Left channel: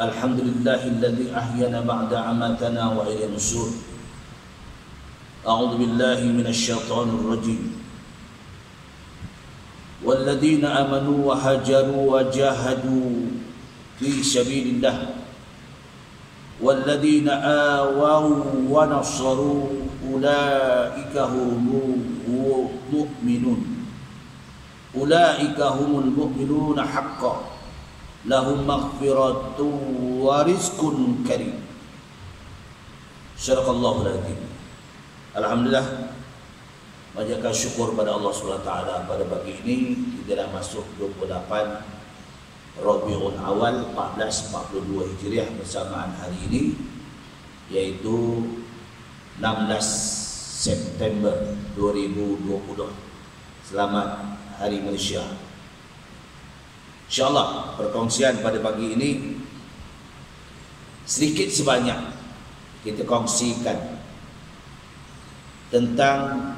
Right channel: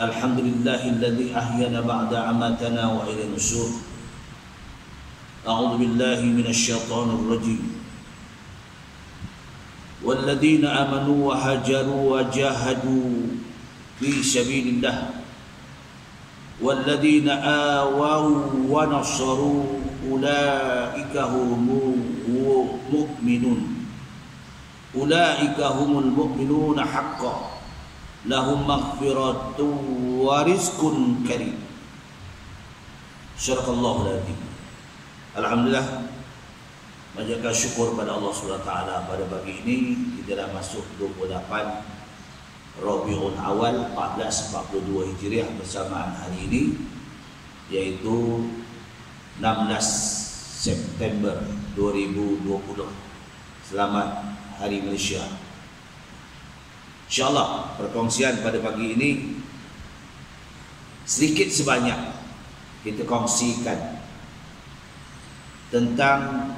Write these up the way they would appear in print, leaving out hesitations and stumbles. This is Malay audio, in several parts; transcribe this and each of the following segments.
Alhamdulillahilladzi ahyana ba'da amatana wa ila nusyur. A'udzu billahi minasy syaithanir rajim. Walladzina amanu wa hajaru wa jahadu fi sabilillah walladzina awaw wa nasaru ulaika humul mu'minun haqqan lahum maghfiratun wa rizqun karim. Syaraqallahul azim. Alhamdulillah, panjatkan syukur pada Allah SWT. Pada pagi ini kita dah masuk 28 Rabiul Awal 1442 Hijriah bersamaan hari ini, yaitu 16 September 2020. Selamat Hari Malaysia. InsyaAllah perkongsian pada pagi ini sedikit sebanyak kita kongsikan tentang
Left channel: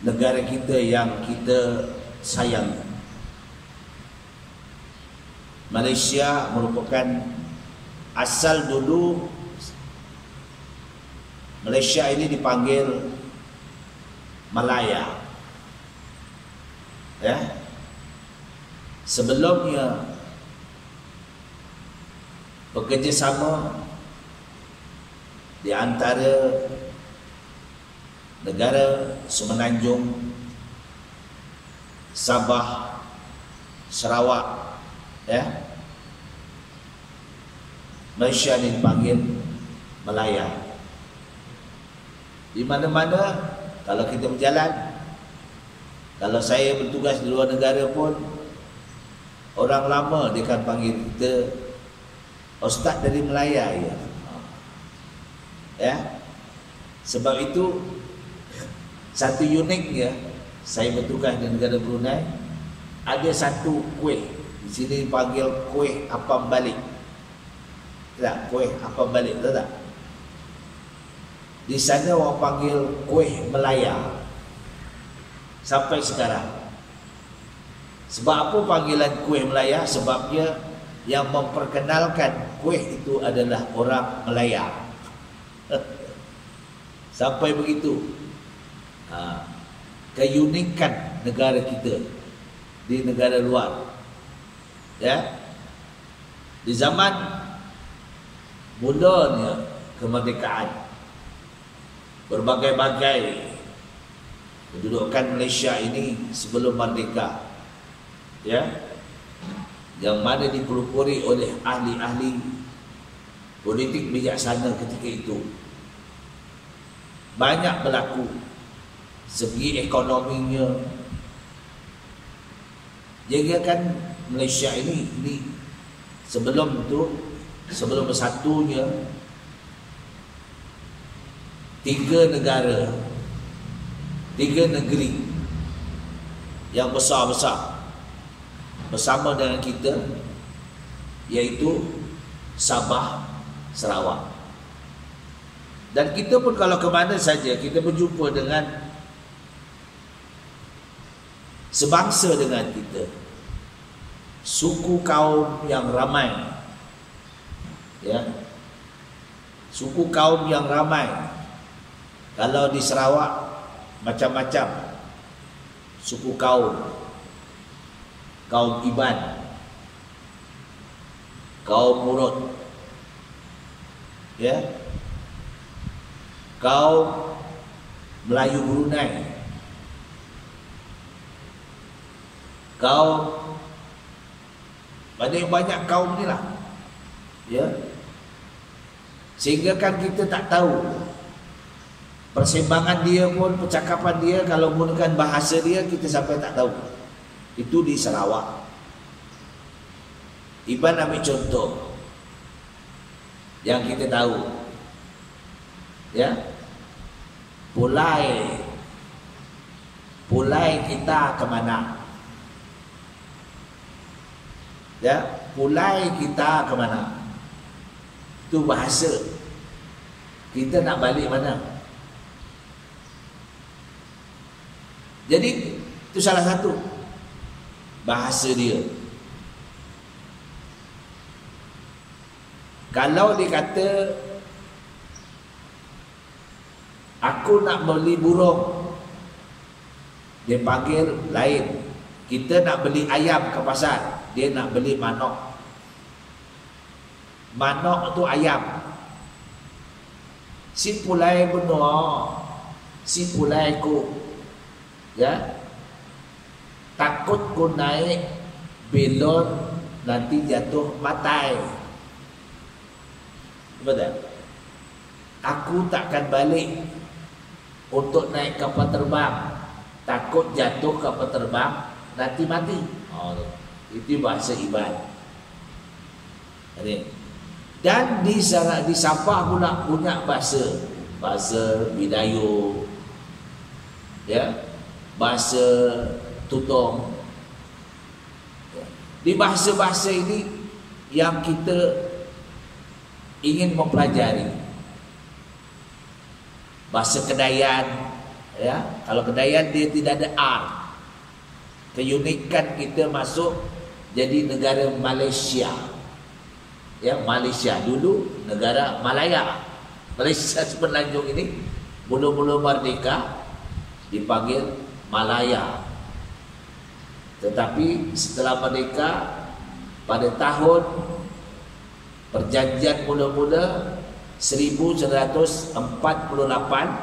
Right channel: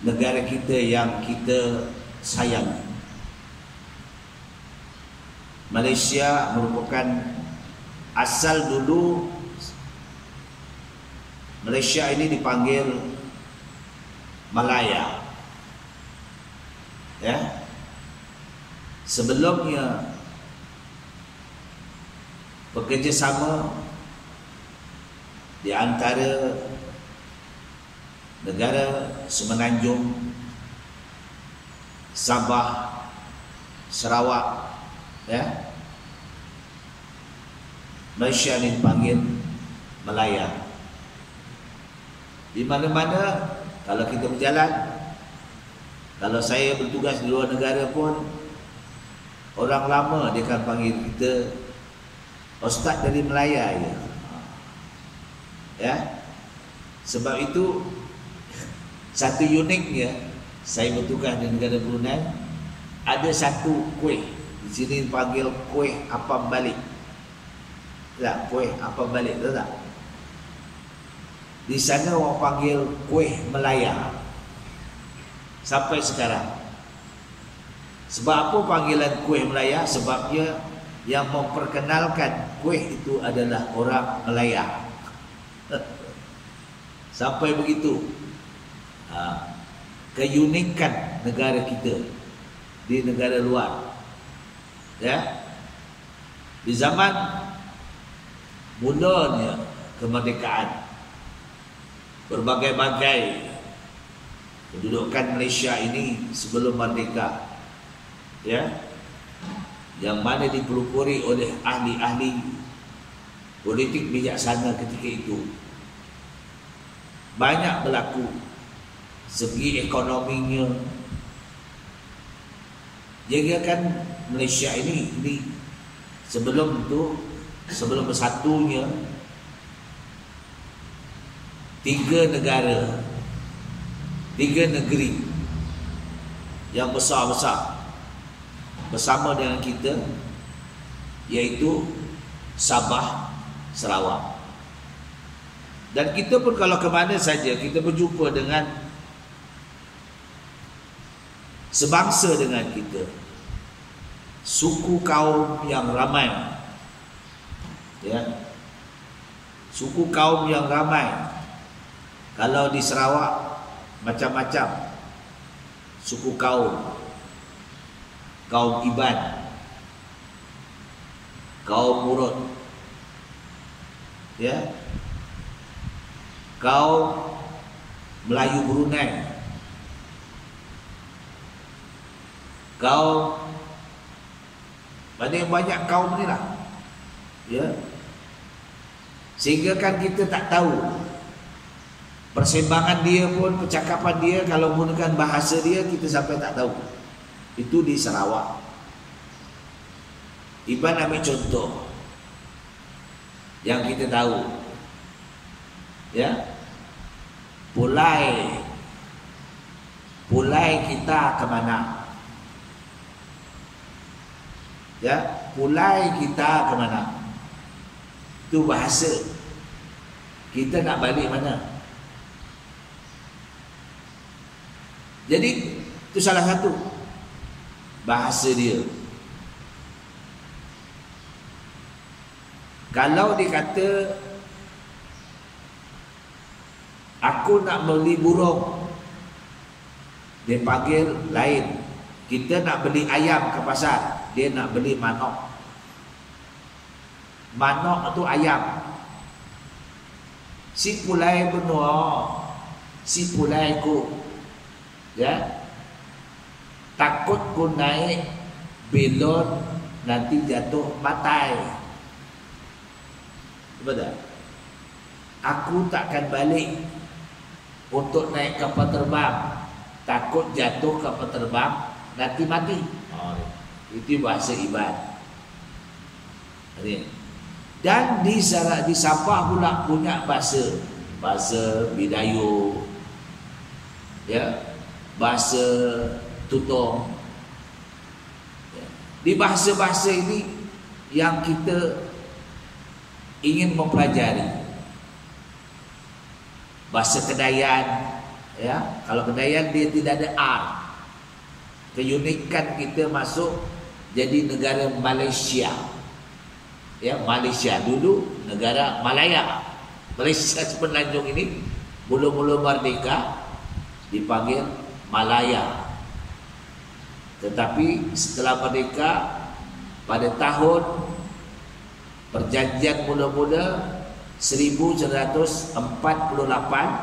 negara kita yang kita sayang. Malaysia merupakan asal dulu Malaysia ini dipanggil Malaya. Ya. Sebelumnya bekerjasama di antara negara Semenanjung, Sabah, Sarawak, ya. Malaysia ini dipanggil Malaya. Di mana-mana kalau kita berjalan, kalau saya bertugas di luar negara pun, orang lama dia akan panggil kita Ustaz dari Melaya, ya. Ya. Sebab itu satu uniknya, saya bertugas di negara Brunei, ada satu kuih di sini dipanggil kuih apam balik. Tak, kuih apam balik, tahu tak? Di sana orang panggil kuih Melaya sampai sekarang. Sebab apa panggilan kuih Melaya? Sebabnya yang memperkenalkan kuih itu adalah orang Melaya. Sampai begitu keunikan negara kita di negara luar. Ya. Di zaman mudanya kemerdekaan, berbagai-bagai kedudukan Malaysia ini sebelum merdeka, ya, yang mana dipelopori oleh ahli-ahli politik bijaksana ketika itu. Banyak berlaku segi ekonominya. Jadikan Malaysia ini sebelum itu, sebelum bersatunya, 3 negara, 3 negeri yang besar-besar bersama dengan kita, yaitu Sabah, Sarawak. Dan kita pun kalau ke mana saja kita berjumpa dengan sebangsa dengan kita, suku kaum yang ramai, ya, suku kaum yang ramai. Kalau di Sarawak macam-macam suku kaum, kaum Iban, kaum Murut, ya, kaum Melayu Brunei, kaum, banyak kaum ni lah, ya. Sehingga kan kita tak tahu persembahan dia pun, percakapan dia, kalau menggunakan bahasa dia kita sampai tak tahu. Itu di Sarawak. Iban ambil contoh yang kita tahu, ya, pulai kita ke mana, ya, pulai kita ke mana, itu bahasa. Kita nak balik mana? Jadi itu salah satu bahasa dia. Kalau dia kata aku nak beli burung, dia panggil lain. Kita nak beli ayam ke pasar, dia nak beli manok. Manok tu ayam. Si pulai benua, si pulai ku, ya, takut ku naik belon nanti jatuh matai. Betul? Aku takkan balik untuk naik kapal terbang, takut jatuh kapal terbang nanti mati. Itu bahasa Iban. Dan di Sabah pula punya bahasa Bidayu, ya, bahasa Tutong. Di bahasa-bahasa ini yang kita ingin mempelajari. Bahasa Kedayan, ya, kalau Kedayan dia tidak ada R. Keunikan kita masuk jadi negara Malaysia. Ya, Malaysia dulu negara Malaya. Malaysia Semenanjung ini mula-mula merdeka dipanggil Malaya. Tetapi setelah merdeka pada tahun perjanjian mula-mula 1948,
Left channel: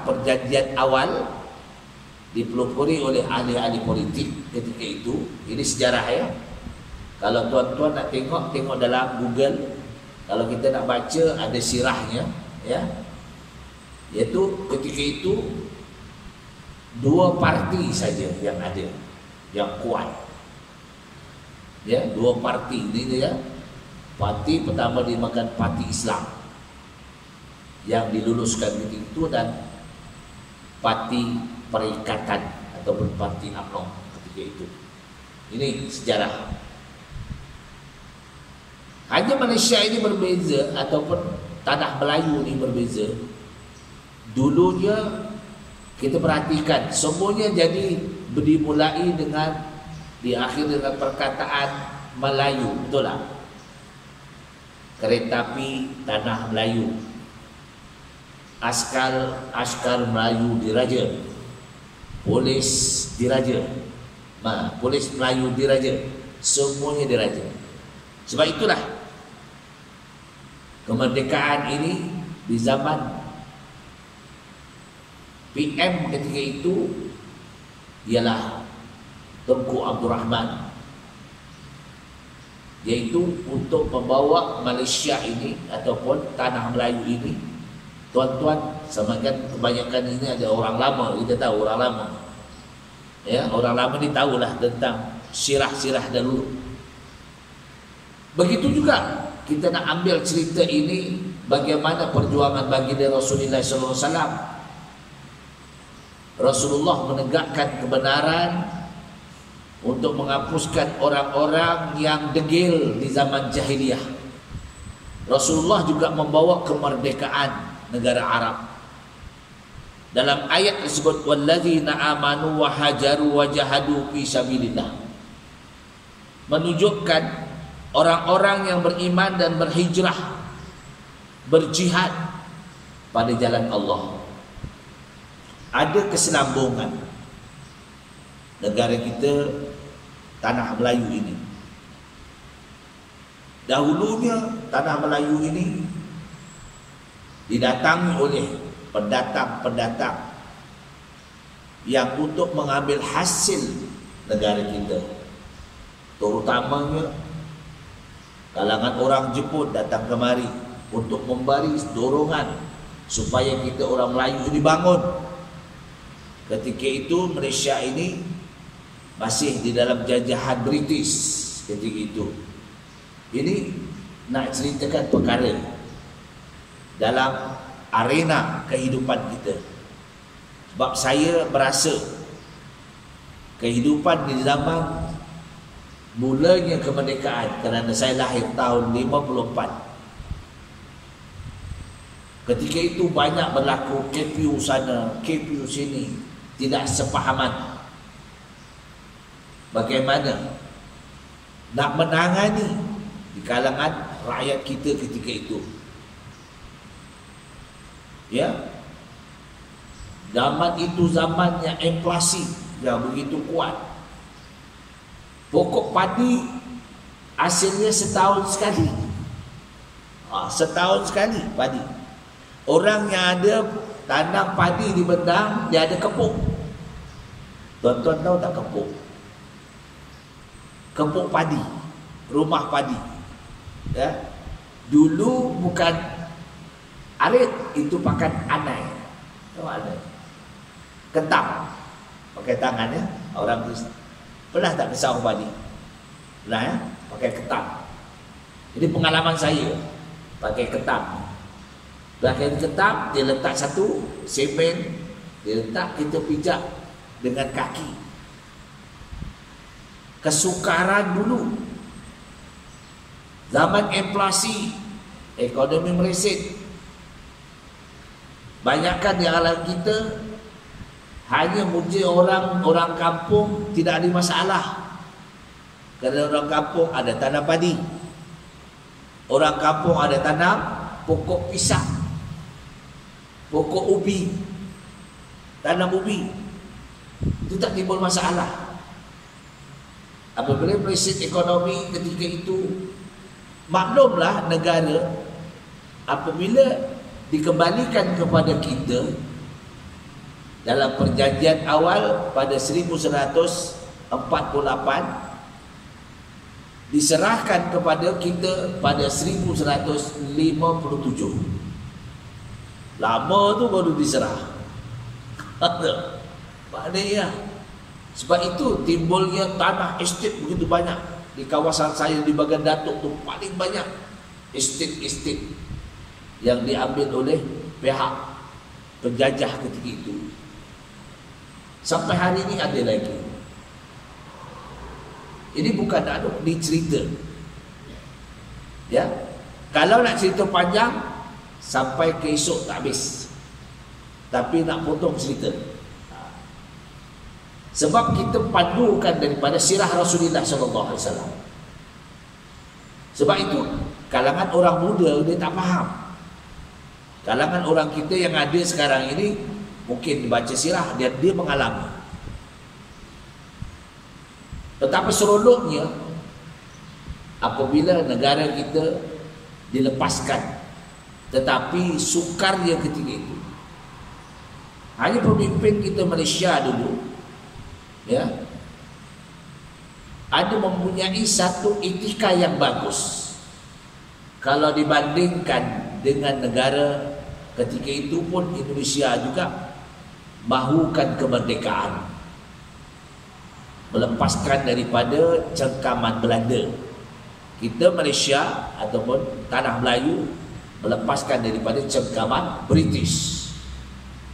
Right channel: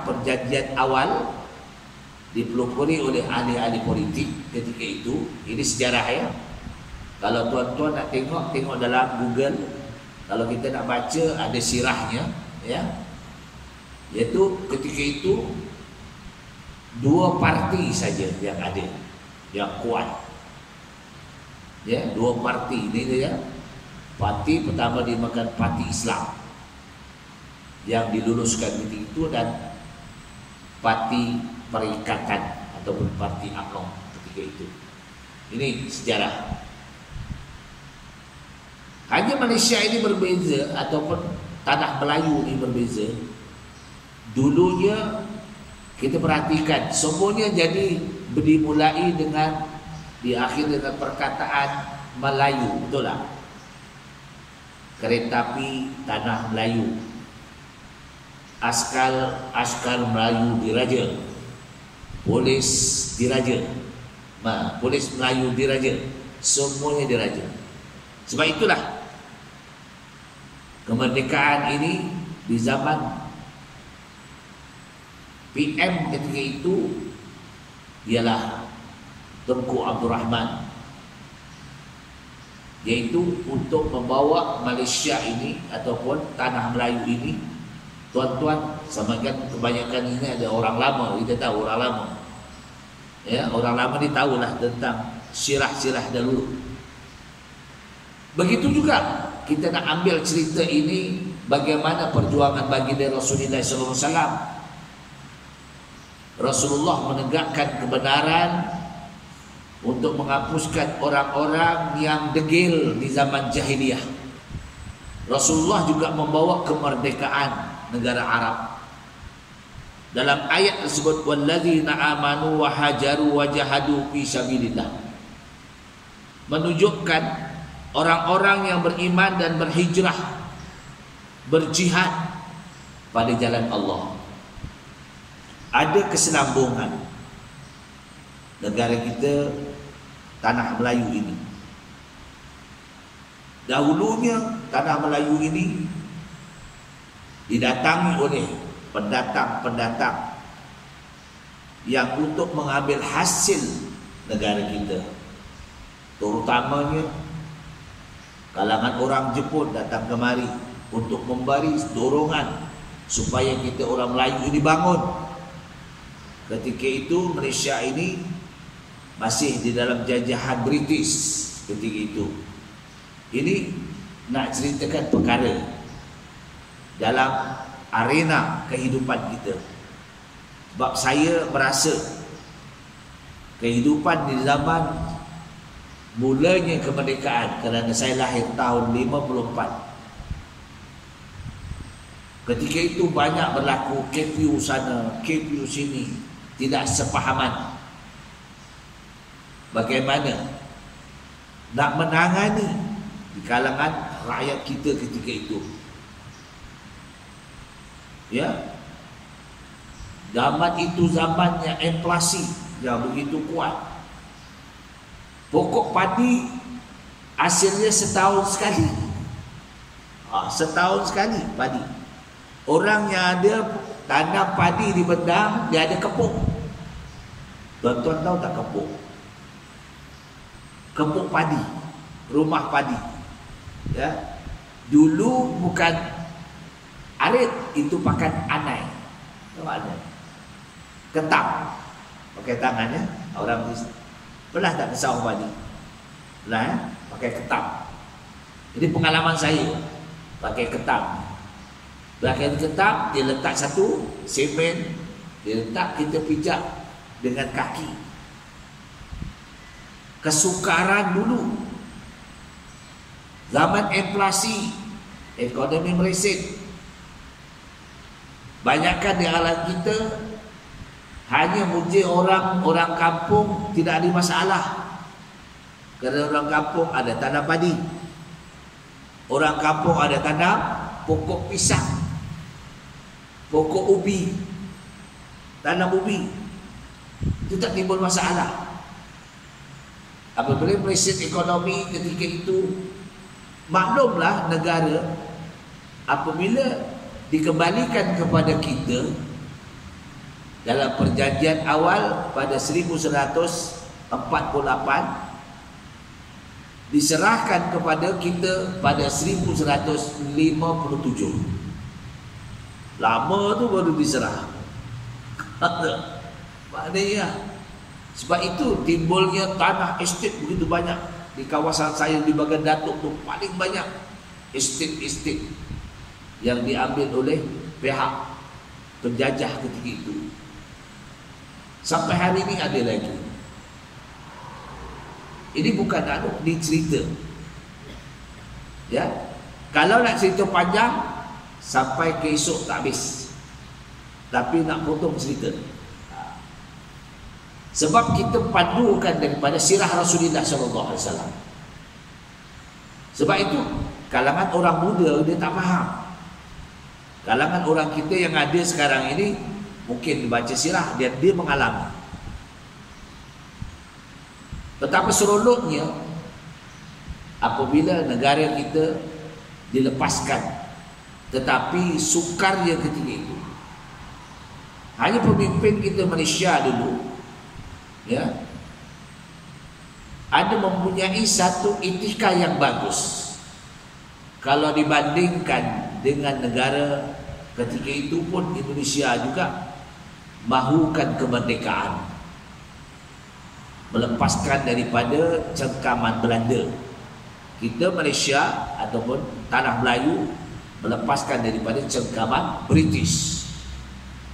perjanjian awal dipelopori oleh ahli-ahli politik ketika itu. Ini sejarah, ya. Kalau tuan-tuan nak tengok dalam Google. Kalau kita nak baca ada sirahnya, ya. Iaitu ketika itu dua parti saja yang ada, yang kuat. Ya, dua parti ini dia. Parti pertama dinamakan Parti Islam yang diluluskan ketika itu, dan Parti Perikatan ataupun Parti UMNO ketika itu. Ini sejarah. Hanya Malaysia ini berbeza, ataupun tanah Melayu ini berbeza. Dulunya kita perhatikan semuanya jadi dimulai dengan diakhiri dengan perkataan Melayu, betul tak? Kereta api tanah Melayu, askar Melayu diraja, polis diraja, polis Melayu diraja, semuanya diraja. Sebab itulah kemerdekaan ini di zaman PM ketika itu ialah Tunku Abdul Rahman, yaitu untuk membawa Malaysia ini ataupun tanah Melayu ini. Tuan-tuan, semakin kebanyakan ini ada orang lama, kita tahu orang lama, ya, orang lama ni tahulah tentang sirah-sirah dahulu. Begitu juga kita nak ambil cerita ini, bagaimana perjuangan baginda Rasulullah SAW. Rasulullah menegakkan kebenaran untuk menghapuskan orang-orang yang degil di zaman jahiliyah. Rasulullah juga membawa kemerdekaan negara Arab. Dalam ayat tersebut, wallazina amanu wa hajaru wa jahadu fi sabilillah, menunjukkan orang-orang yang beriman dan berhijrah, berjihad pada jalan Allah. Ada kesinambungan negara kita, tanah Melayu ini. Dahulunya tanah Melayu ini didatangi oleh pendatang-pendatang yang untuk mengambil hasil negara kita. Terutamanya kalangan orang Jepun datang kemari untuk memberi dorongan supaya kita orang Melayu ini bangun. Ketika itu Malaysia ini masih di dalam jajahan British ketika itu. Ini nak ceritakan perkara dalam arena kehidupan kita. Sebab saya berasa kehidupan di zaman mulanya kemerdekaan, kerana saya lahir tahun 54. Ketika itu banyak berlaku curfew sana, curfew sini, tidak sepahaman. Bagaimana nak menangani di kalangan rakyat kita ketika itu. Ya, zaman itu zamannya inflasi yang begitu kuat. Pokok padi hasilnya setahun sekali. Setahun sekali padi. Orang yang ada tanam padi di Bendang, dia ada kepuk. Tuan-tuan tahu tak kepuk? Kepuk padi, rumah padi. Ya, dulu bukan arit, itu pakai anai. Tahu anai? Ketam, pakai tangannya. Orang pernah tak ke sawah padi? Pernah ya? Pakai ketam. Jadi pengalaman saya pakai ketam. Pakai ketam, dia letak satu semen, dia letak, kita pijak dengan kaki. Kesukaran dulu, zaman inflasi, ekonomi mereset. Banyakkan di alam kita hanya muji orang kampung tidak ada masalah. Kerana orang kampung ada tanam padi, orang kampung ada tanam pokok pisang, pokok ubi, tanam ubi, itu tak timbul masalah. Apabila mereset ekonomi ketika itu, maklumlah negara apabila dikembalikan kepada kita dalam perjanjian awal pada 1948, diserahkan kepada kita pada 1957. Lama tu baru diserah. Maknanya sebab itu timbulnya tanah estet begitu banyak di kawasan saya di bagian Datuk tu, paling banyak estet-estet yang diambil oleh pihak penjajah ketika itu. Sampai hari ini ada lagi. Ini bukan dicerita. Ya, kalau nak cerita panjang sampai ke esok tak habis. Tapi nak potong cerita. Sebab kita padukan daripada sirah Rasulullah SAW. Sebab itu kalangan orang muda dia tak faham. Kalangan orang kita yang ada sekarang ini mungkin baca sirah dia mengalami. Betapa seronoknya apabila negara kita dilepaskan, tetapi sukarnya ketika itu hanya pemimpin kita Malaysia dulu, ya, ada mempunyai satu etika yang bagus kalau dibandingkan dengan negara ketika itu pun. Indonesia juga mahukan kemerdekaan, melepaskan daripada cengkaman Belanda. Kita Malaysia ataupun tanah Melayu melepaskan daripada cengkaman British,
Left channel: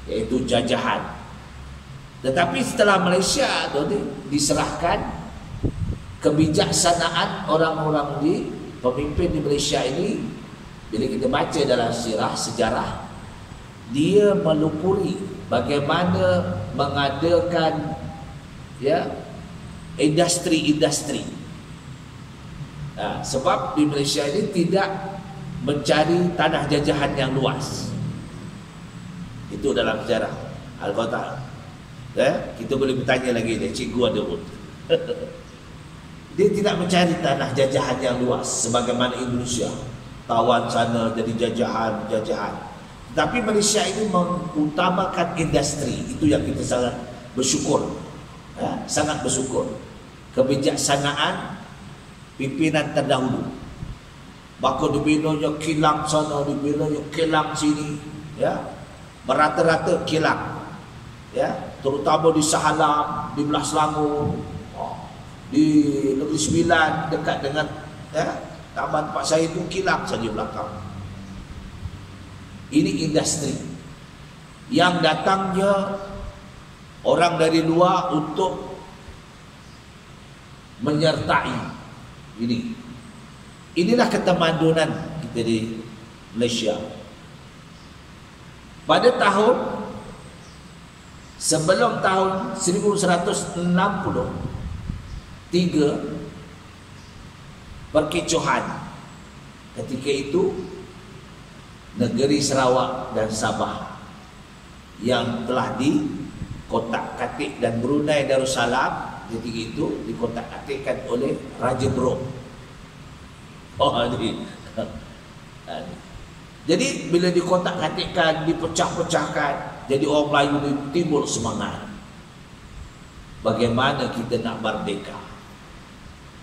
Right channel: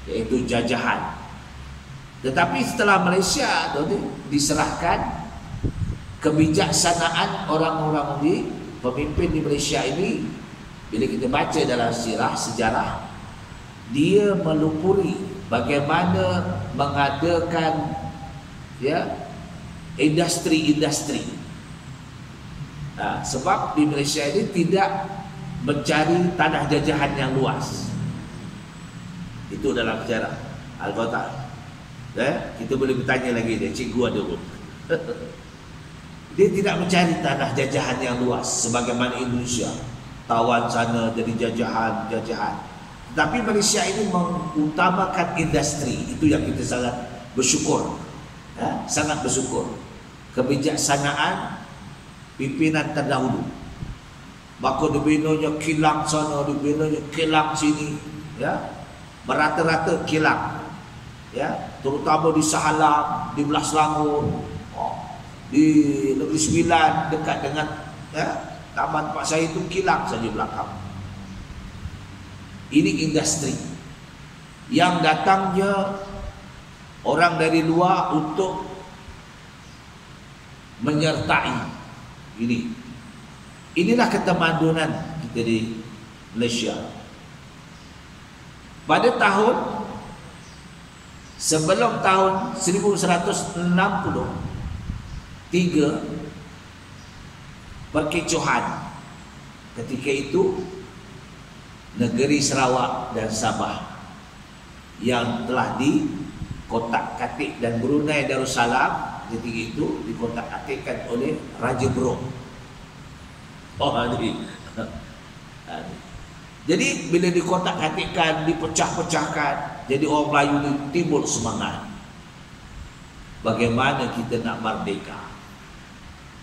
iaitu jajahan. Tetapi setelah Malaysia tu diserahkan, kebijaksanaan orang-orang di pemimpin di Malaysia ini, bila kita baca dalam sirah sejarah, dia melupuri bagaimana mengadakan, ya, industri-industri. Sebab di Malaysia ini tidak mencari tanah jajahan yang luas. Itu dalam sejarah Al-Fatah. Kita boleh bertanya lagi dia, cikgu ada pun. Dia tidak mencari tanah jajahan yang luas sebagaimana Indonesia, tawan sana jadi jajahan. Tapi Malaysia ini mengutamakan industri. Itu yang kita sangat bersyukur. Sangat bersyukur. Kebijaksanaan pimpinan terdahulu. Maka dibinanya kilang sana, dibinanya kilang sini, ya, merata-rata kilang, ya, terutama di Sahalang, di Belah Selangor, di Negeri Sembilan, dekat dengan, ya, taman Pak saya itu kilang saja belakang. Ini industri yang datangnya orang dari luar untuk menyertai ini. Inilah ketamadunan kita di Malaysia. Pada tahun sebelum tahun 1963, perkecohan ketika itu negeri Sarawak dan Sabah yang telah dikotak-katik, dan Brunei Darussalam ketika itu dikotak-katikkan oleh Raja Bro. Jadi bila dikotak-katikkan, dipecah-pecahkan, jadi orang Melayu itu timbul semangat. Bagaimana kita nak merdeka?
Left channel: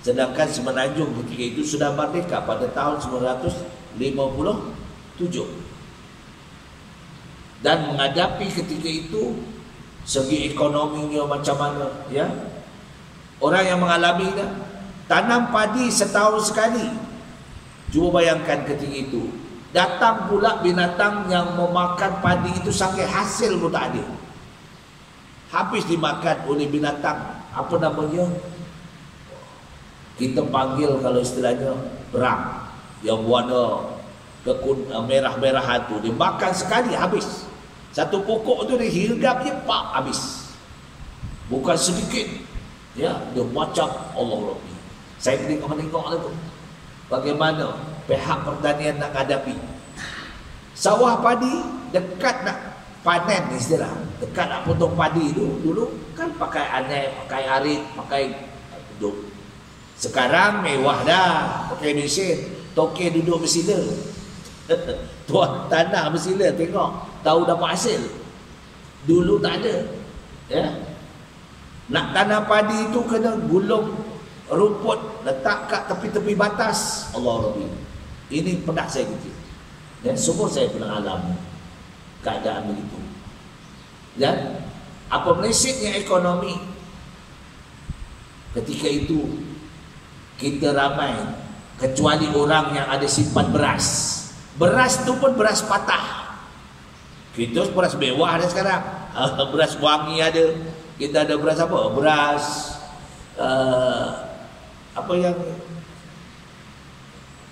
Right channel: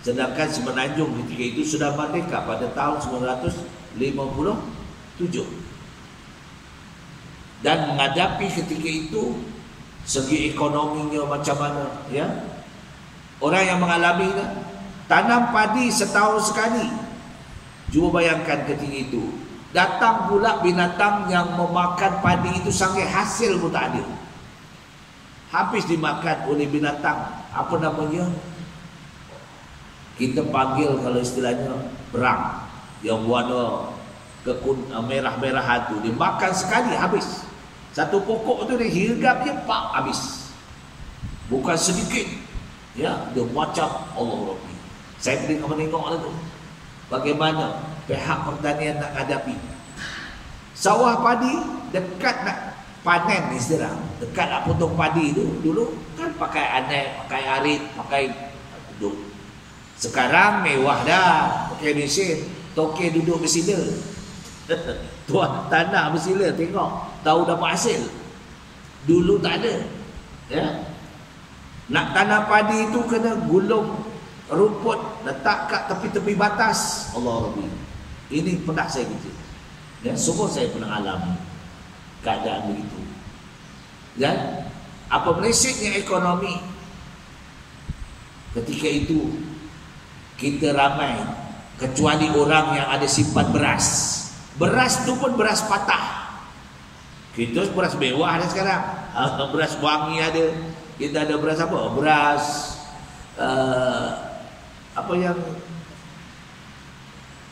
Sedangkan Semenanjung ketika itu sudah merdeka pada tahun 1957. Dan menghadapi ketika itu segi ekonominya macam mana, ya? Orang yang mengalami tanam padi setahun sekali. Cuba bayangkan ketika itu. Datang pula binatang yang memakan padi itu sampai hasil pun tak ada. Habis dimakan oleh binatang, apa namanya? Kita panggil kalau istilahnya berang, yang warna merah-merahan tu, dimakan sekali habis. Satu pokok tu dihirgap je, pak, habis. Bukan sedikit. Ya, dia macam Allah Rabbi. Saya menengok tu bagaimana pihak pertanian nak hadapi. Sawah padi dekat nak panen istilah. Dekat nak potong padi tu dulu kan pakai anai, pakai arit, pakai duduk. Sekarang mewah dah, pakai mesin, toke duduk bersila. Tuan tanah bersila tengok, tahu dapat hasil. Dulu tak ada. Ya. Nak tanam padi itu kena gulung rumput, letak kat tepi-tepi batas. Allah Rabbi. Ini pernah saya kecil. Ya, semua saya pernah alami keadaan begitu. Dan apa melesetnya ekonomi ketika itu, kita ramai kecuali orang yang ada simpan beras. Beras tu pun beras patah. Kita beras mewah ada sekarang. Beras wangi ada. Kita ada beras apa? Beras apa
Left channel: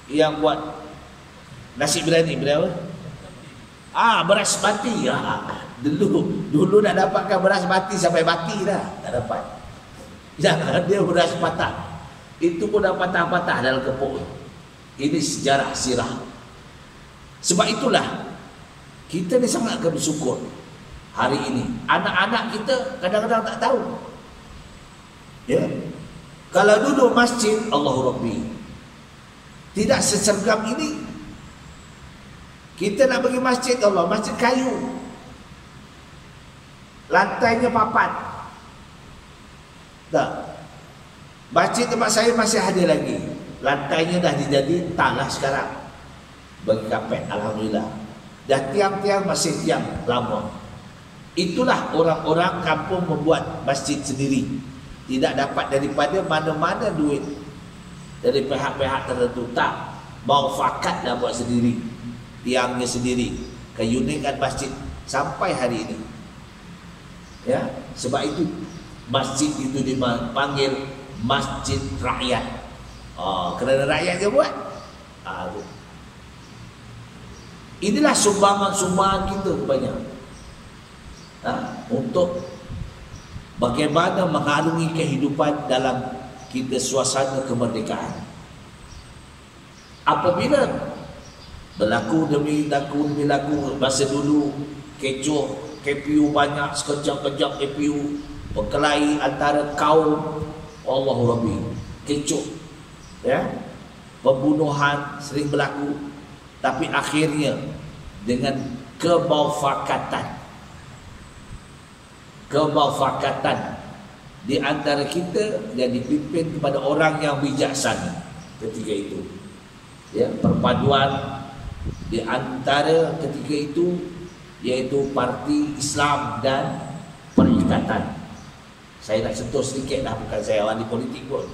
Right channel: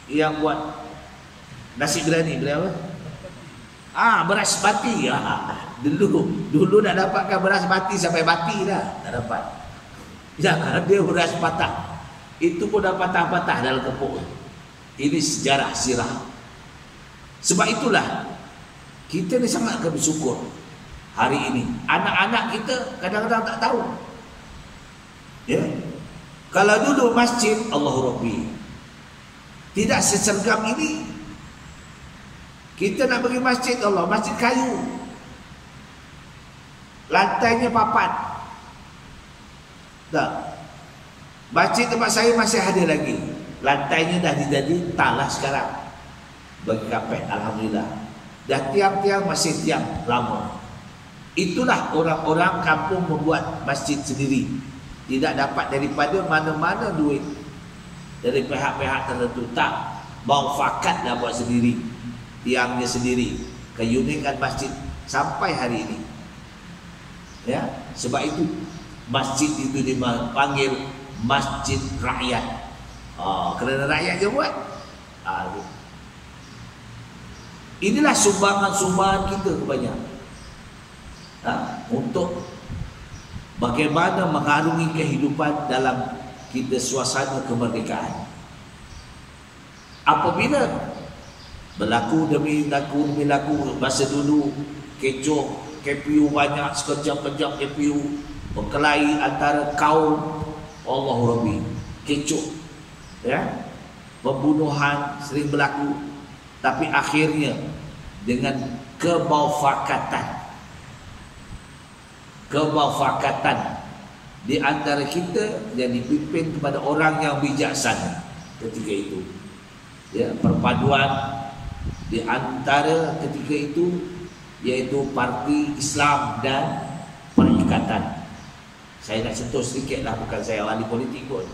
yang buat nasi biryani, berapa? Beras mati. Dulu nak dapatkan beras mati sampai mati dah, tak dapat. Jangan dia beras patah. Itu pun dah patah-patah dalam kepuk. Ini sejarah sirah. Sebab itulah kita ni sangat bersyukur hari ini. Anak-anak kita kadang-kadang tak tahu. Ya. Kalau duduk masjid, Allahu Rabbi, tidak sesergam ini. Kita nak pergi masjid Allah, masjid kayu, lantainya papan. Tak. Masjid tempat saya masih ada lagi, lantainya dah jadi tanah sekarang bagi kapet, alhamdulillah. Dan tiang-tiang masih tiang lama. Itulah orang-orang kampung membuat masjid sendiri. Tidak dapat daripada mana-mana duit dari pihak-pihak tertentu. Tak, mau fakat dah buat sendiri, tiangnya sendiri. Keunikan masjid sampai hari ini. Ya, sebab itu masjid itu dipanggil masjid rakyat. Kerana rakyat je buat. Inilah sumbangan-sumbangan kita banyak. Untuk bagaimana mengharungi kehidupan dalam kita suasana kemerdekaan. Apabila berlaku demi laku, masa dulu kecoh, KPU banyak, sekejap-kejap KPU berkelahi antara kaum, Allahu Rabbi, kecoh, ya, pembunuhan sering berlaku, tapi akhirnya dengan kemufakatan di antara kita yang dipimpin kepada orang yang bijaksana ketika itu, ya, perpaduan di antara ketika itu yaitu Parti Islam dan Perikatan. Saya nak sentuh sedikit lah, bukan saya ahli politik pun,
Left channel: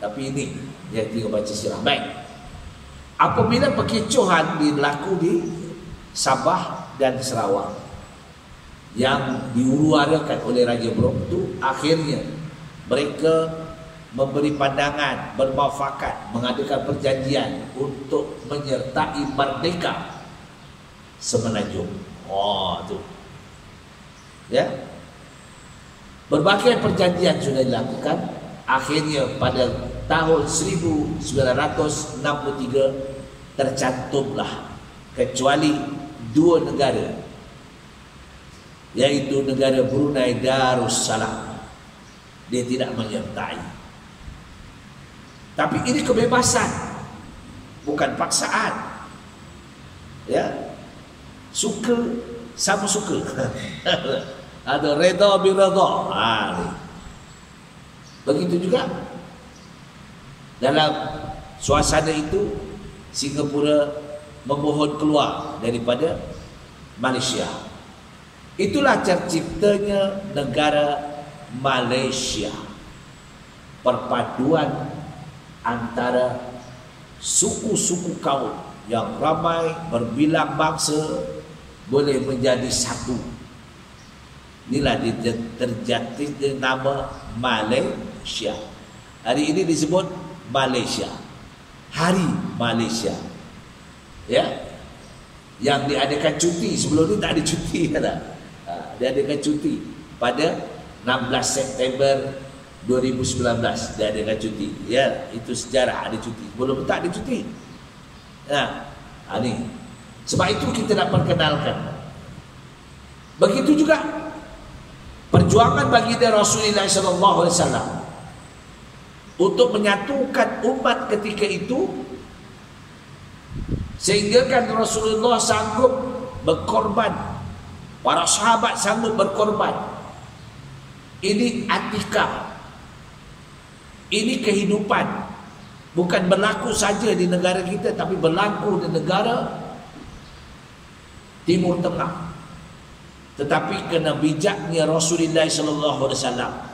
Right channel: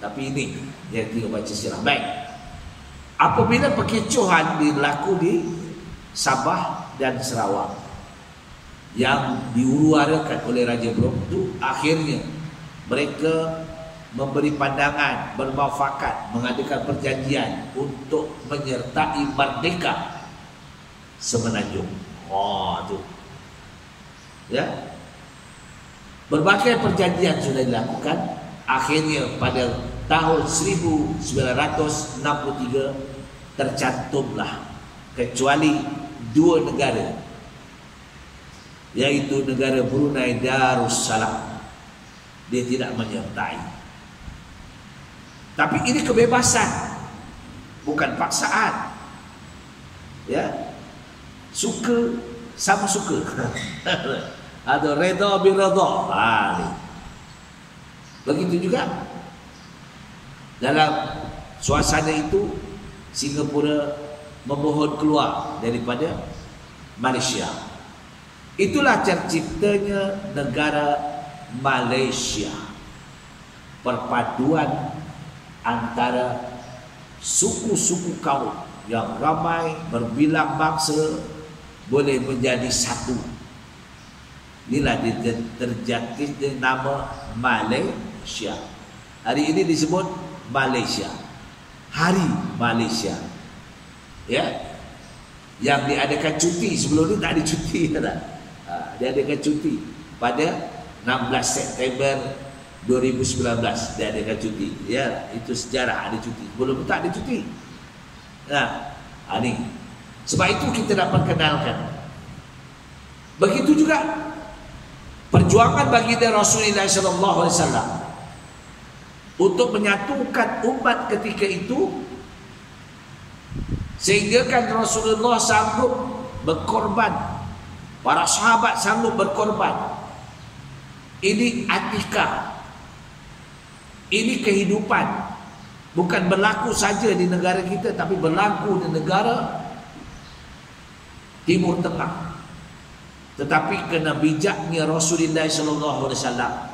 tapi ini yang kita baca sirah. Baik, apabila perkecohan berlaku di Sabah dan Sarawak yang diuruarakan oleh Raja Brom itu, akhirnya mereka memberi pandangan, bermuafakat, mengadakan perjanjian untuk menyertai merdeka Semenanjung. Tu. Ya. Berbagai perjanjian sudah dilakukan. Akhirnya pada tahun 1963 tercantumlah kecuali dua negara, yaitu negara Brunei Darussalam. Dia tidak menyertai. Tapi ini kebebasan, bukan paksaan. Ya, suka sama suka. Ada reda birada. Begitu juga dalam suasana itu Singapura memohon keluar daripada Malaysia. Itulah terciptanya negara Malaysia, perpaduan antara suku-suku kaum yang ramai berbilang bangsa boleh menjadi satu. Inilah terjadinya nama Malaysia. Hari ini disebut Malaysia, Hari Malaysia. Ya, yang diadakan cuti. Sebelum ni tak ada cuti kan? Diadakan cuti pada 16 September 2019 diadakan cuti. Ya, itu sejarah ada cuti. Sebelum tak ada cuti. Ni. Sebab itu kita nak perkenalkan. Begitu juga perjuangan baginda Rasulullah SAW untuk menyatukan umat ketika itu, sehingga kan Rasulullah sanggup berkorban, para sahabat sanggup berkorban. Ini atikah, ini kehidupan, bukan berlaku saja di negara kita, tapi berlaku di negara Timur Tengah. Tetapi kena bijaknya Rasulullah SAW,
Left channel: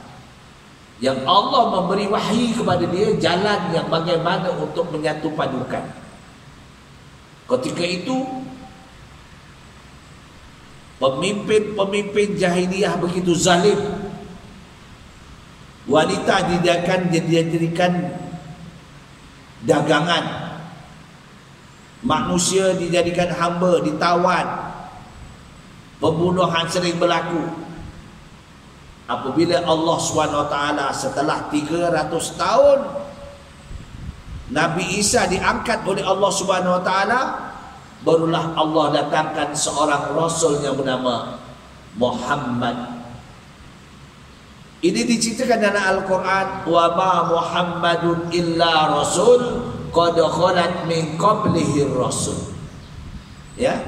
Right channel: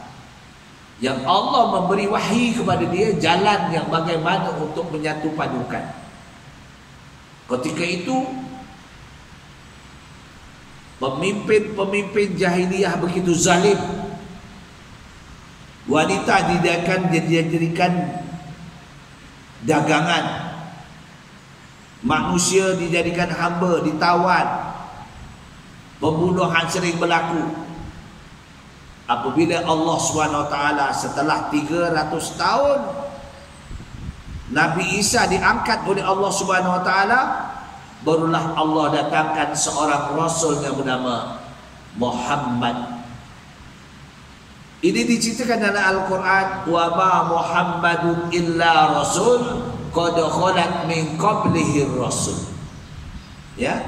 yang Allah memberi wahyu kepada dia jalan yang bagaimana untuk menyatu padukan. Ketika itu pemimpin-pemimpin jahiliyah begitu zalim. Wanita dijadikan dagangan, manusia dijadikan hamba, ditawan, pembunuhan sering berlaku. Apabila Allah SWT setelah 300 tahun Nabi Isa diangkat oleh Allah SWT, barulah Allah datangkan seorang Rasul yang bernama Muhammad. Ini diceritakan dalam Al-Quran, wa ma Muhammadun illa rasul qad khalat min qablihi rasul. Ya,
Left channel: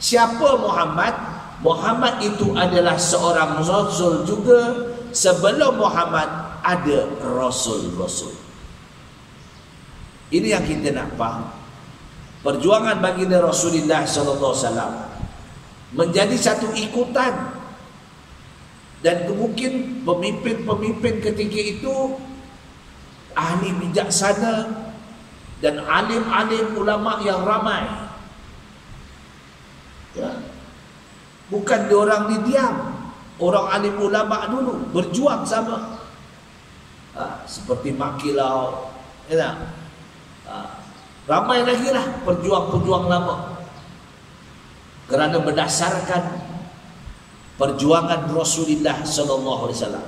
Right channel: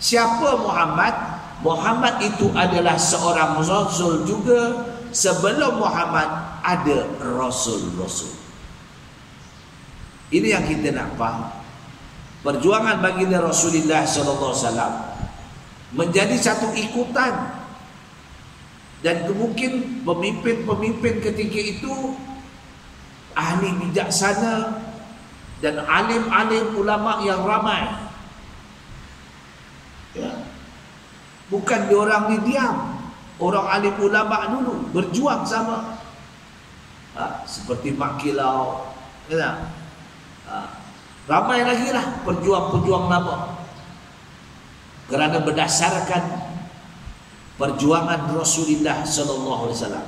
siapa Muhammad? Muhammad itu adalah seorang rasul juga. Sebelum Muhammad ada rasul-rasul. Ini yang kita nak faham. Perjuangan baginda Rasulullah SAW menjadi satu ikutan. Dan mungkin pemimpin-pemimpin ketika itu ahli bijaksana dan alim-alim ulama yang ramai. Ya. Bukan diorang didiam. Orang alim ulama dulu berjuang sama. Seperti Mak Kilau. Ya. Ramai lagi lah perjuang-perjuang lama. Kerana berdasarkan perjuangan Rasulullah SAW.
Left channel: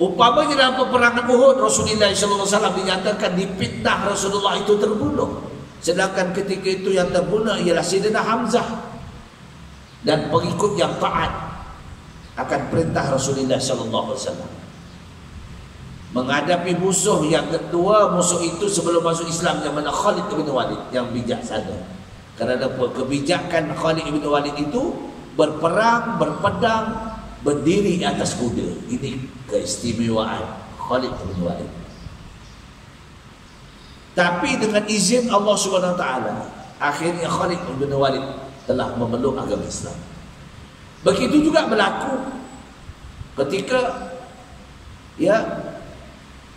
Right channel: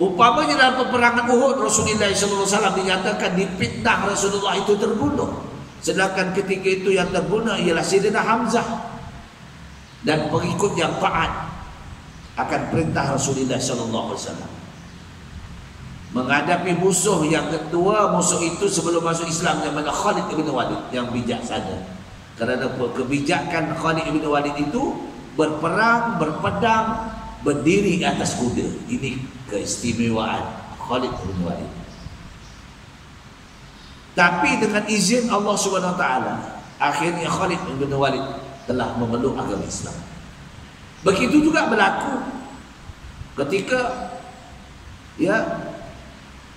Umpamanya dalam peperangan Uhud, Rasulullah SAW dinyatakan dipitnah Rasulullah itu terbunuh. Sedangkan ketika itu yang terbunuh ialah Sayyidina Hamzah dan pengikut yang taat akan perintah Rasulullah SAW. Menghadapi musuh yang ketua, musuh itu sebelum masuk Islam yang mana Khalid bin Walid yang bijaksana. Kerana kebijakan Khalid bin Walid itu berperang, berpedang, berdiri atas kuda. Ini keistimewaan Khalid bin Walid. Tapi dengan izin Allah SWT, akhirnya Khalid bin Walid telah memeluk agama Islam. Begitu juga berlaku ketika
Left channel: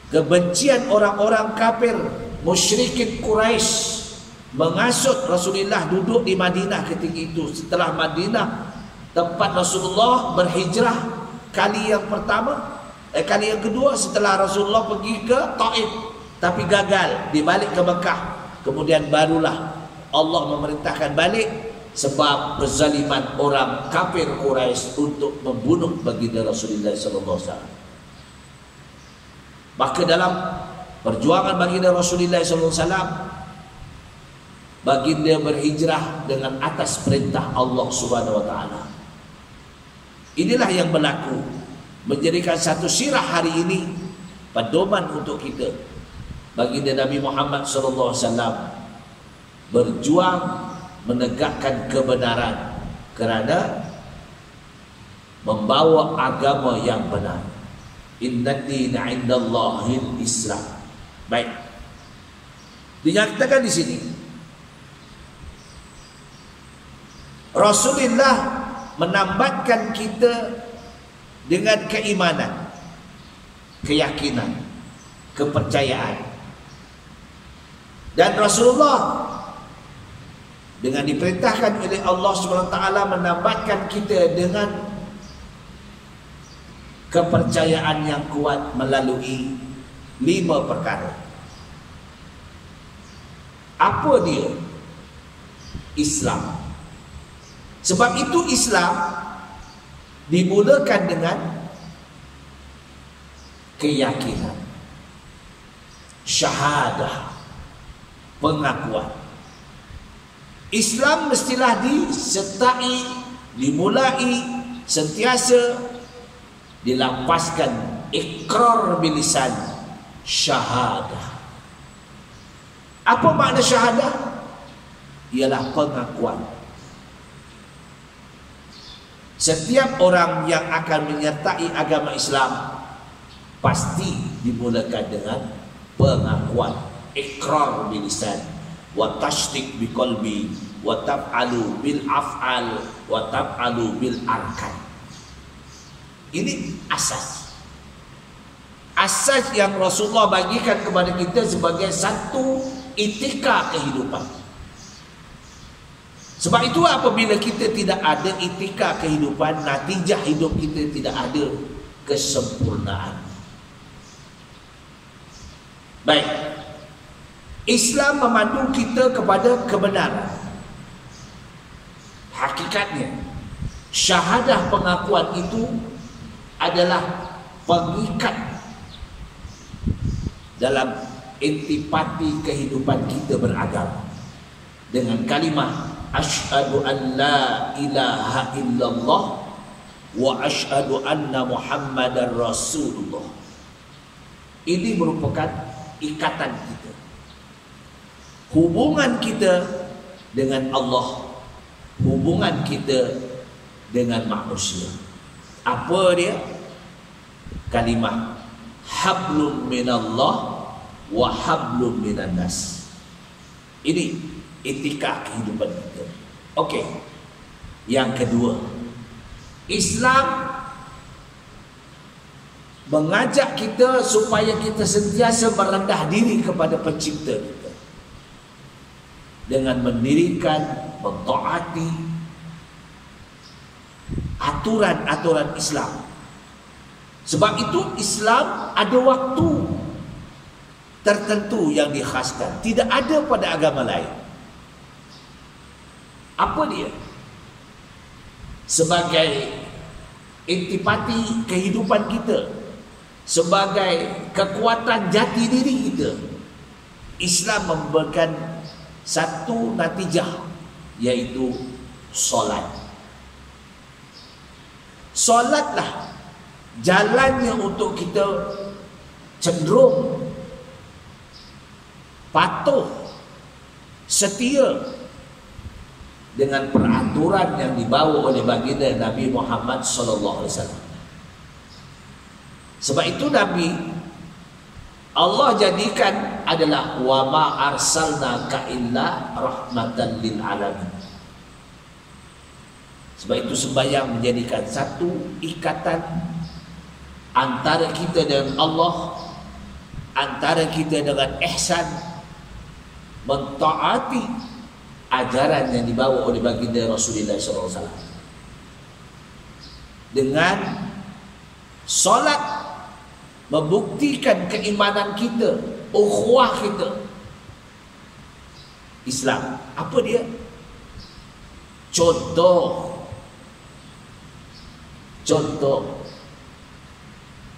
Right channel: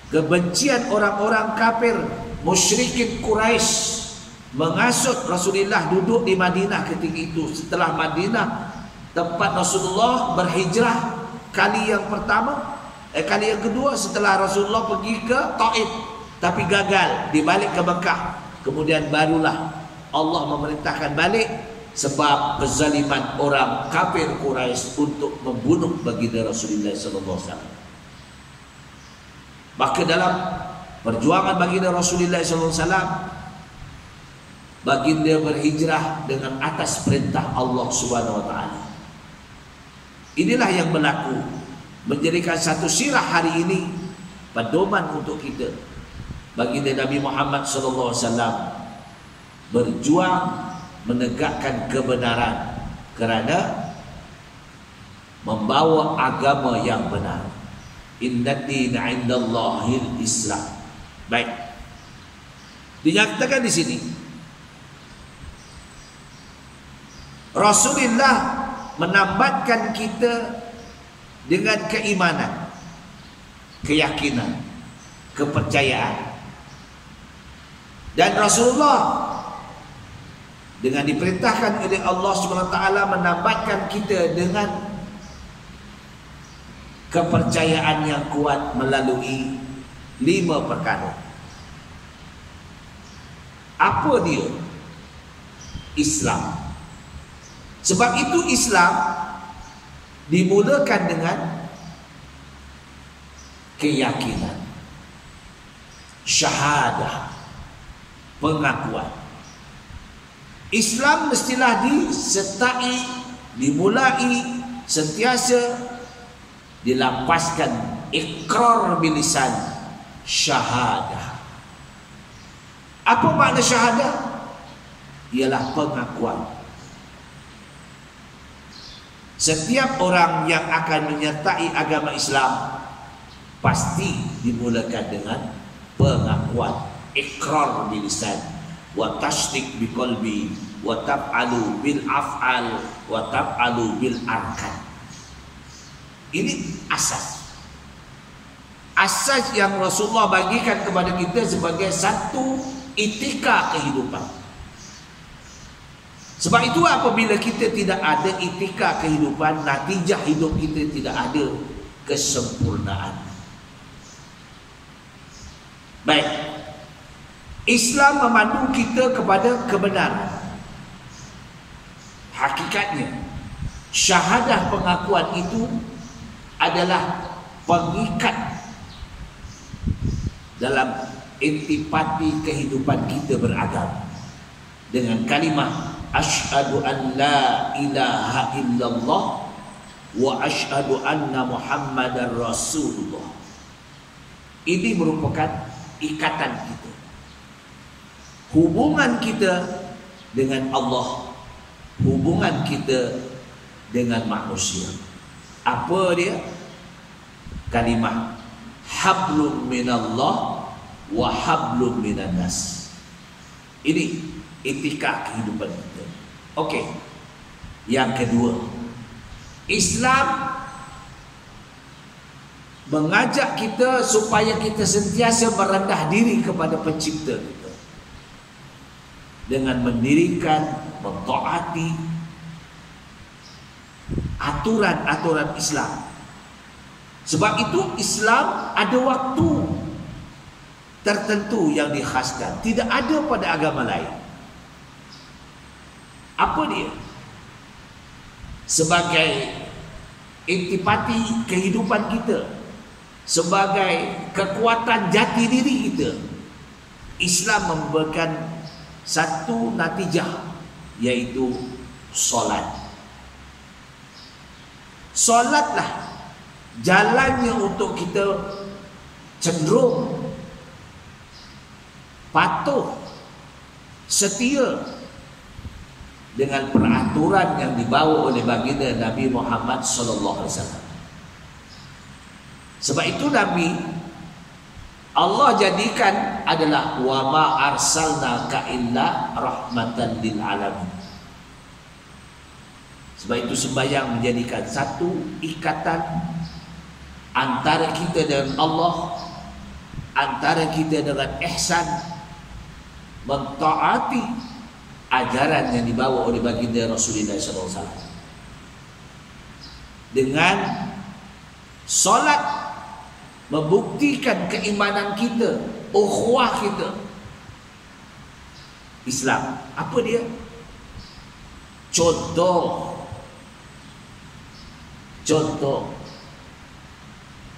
kebencian orang-orang kafir musyrikin Quraisy mengasut Rasulullah duduk di Madinah ketika itu. Setelah Madinah tempat Rasulullah berhijrah kali yang pertama, kali yang kedua setelah Rasulullah pergi ke Taif tapi gagal, dibalik ke Mekah. Kemudian barulah Allah memerintahkan balik sebab kezaliman orang kafir Quraisy untuk membunuh baginda Rasulullah SAW. Maka dalam perjuangan baginda Rasulullah SAW, baginda berhijrah dengan atas perintah Allah Subhanahu wa taala. Inilah yang berlaku, menjadikan satu sirah hari ini pedoman untuk kita. Baginda Nabi Muhammad SAW berjuang menegakkan kebenaran kerana membawa agama yang benar. Inna dina indallahil Islam. Baik. Dinyatakan di sini Rasulullah menambatkan kita dengan keimanan, keyakinan, kepercayaan. Dan Rasulullah dengan diperintahkan oleh Allah SWT menambatkan kita dengan kepercayaan yang kuat melalui 5 perkara. Apa dia? Islam. Sebab itu Islam dimulakan dengan keyakinan, syahadah, pengakuan. Islam mestilah disertai, dimulai, sentiasa dilapaskan ikrar bilisan, syahadah. Apa makna syahadah? Ialah pengakuan. Setiap orang yang akan menyertai agama Islam pasti dimulakan dengan pengakuan, ikrar bilisan, wa tasdiq biqalbi, wa taf'alu bil af'al, wa taf'alu bil arkan. Ini asas. Asas yang Rasulullah bagikan kepada kita sebagai satu etika kehidupan. Sebab itu apabila kita tidak ada etika kehidupan, natijah hidup kita tidak ada kesempurnaan. Baik. Islam memandu kita kepada kebenaran. Hakikatnya, syahadah pengakuan itu adalah pengikat dalam intipati kehidupan kita beragama dengan kalimah asyhadu an la ilaha illallah wa asyhadu anna muhammadar rasulullah. Ini merupakan ikatan kita, hubungan kita dengan Allah, hubungan kita dengan manusia. Apa dia? Kalimah hablum minallah wa hablum minan nas. Ini etika kehidupan kita. Okey. Yang kedua, Islam mengajak kita supaya kita sentiasa merendah diri kepada pencipta kita dengan mendirikan, mentaati aturan-aturan Islam. Sebab itu Islam ada waktu tertentu yang dikhaskan, tidak ada pada agama lain. Apa dia? Sebagai intipati kehidupan kita, sebagai kekuatan jati diri kita, Islam memberikan satu natijah, yaitu solat. Solatlah jalannya untuk kita cenderung patuh, setia dengan peraturan yang dibawa oleh baginda Nabi Muhammad SAW. Sebab itu Nabi Allah jadikan adalah wa ma arsalnaka illa rahmatan lil alamin. Sebab itu sembahyang menjadikan satu ikatan antara kita dengan Allah, antara kita dengan ihsan, mentaati ajaran yang dibawa oleh baginda Rasulullah SAW. Dengan solat membuktikan keimanan kita, ukhuwah kita. Islam apa dia? Contoh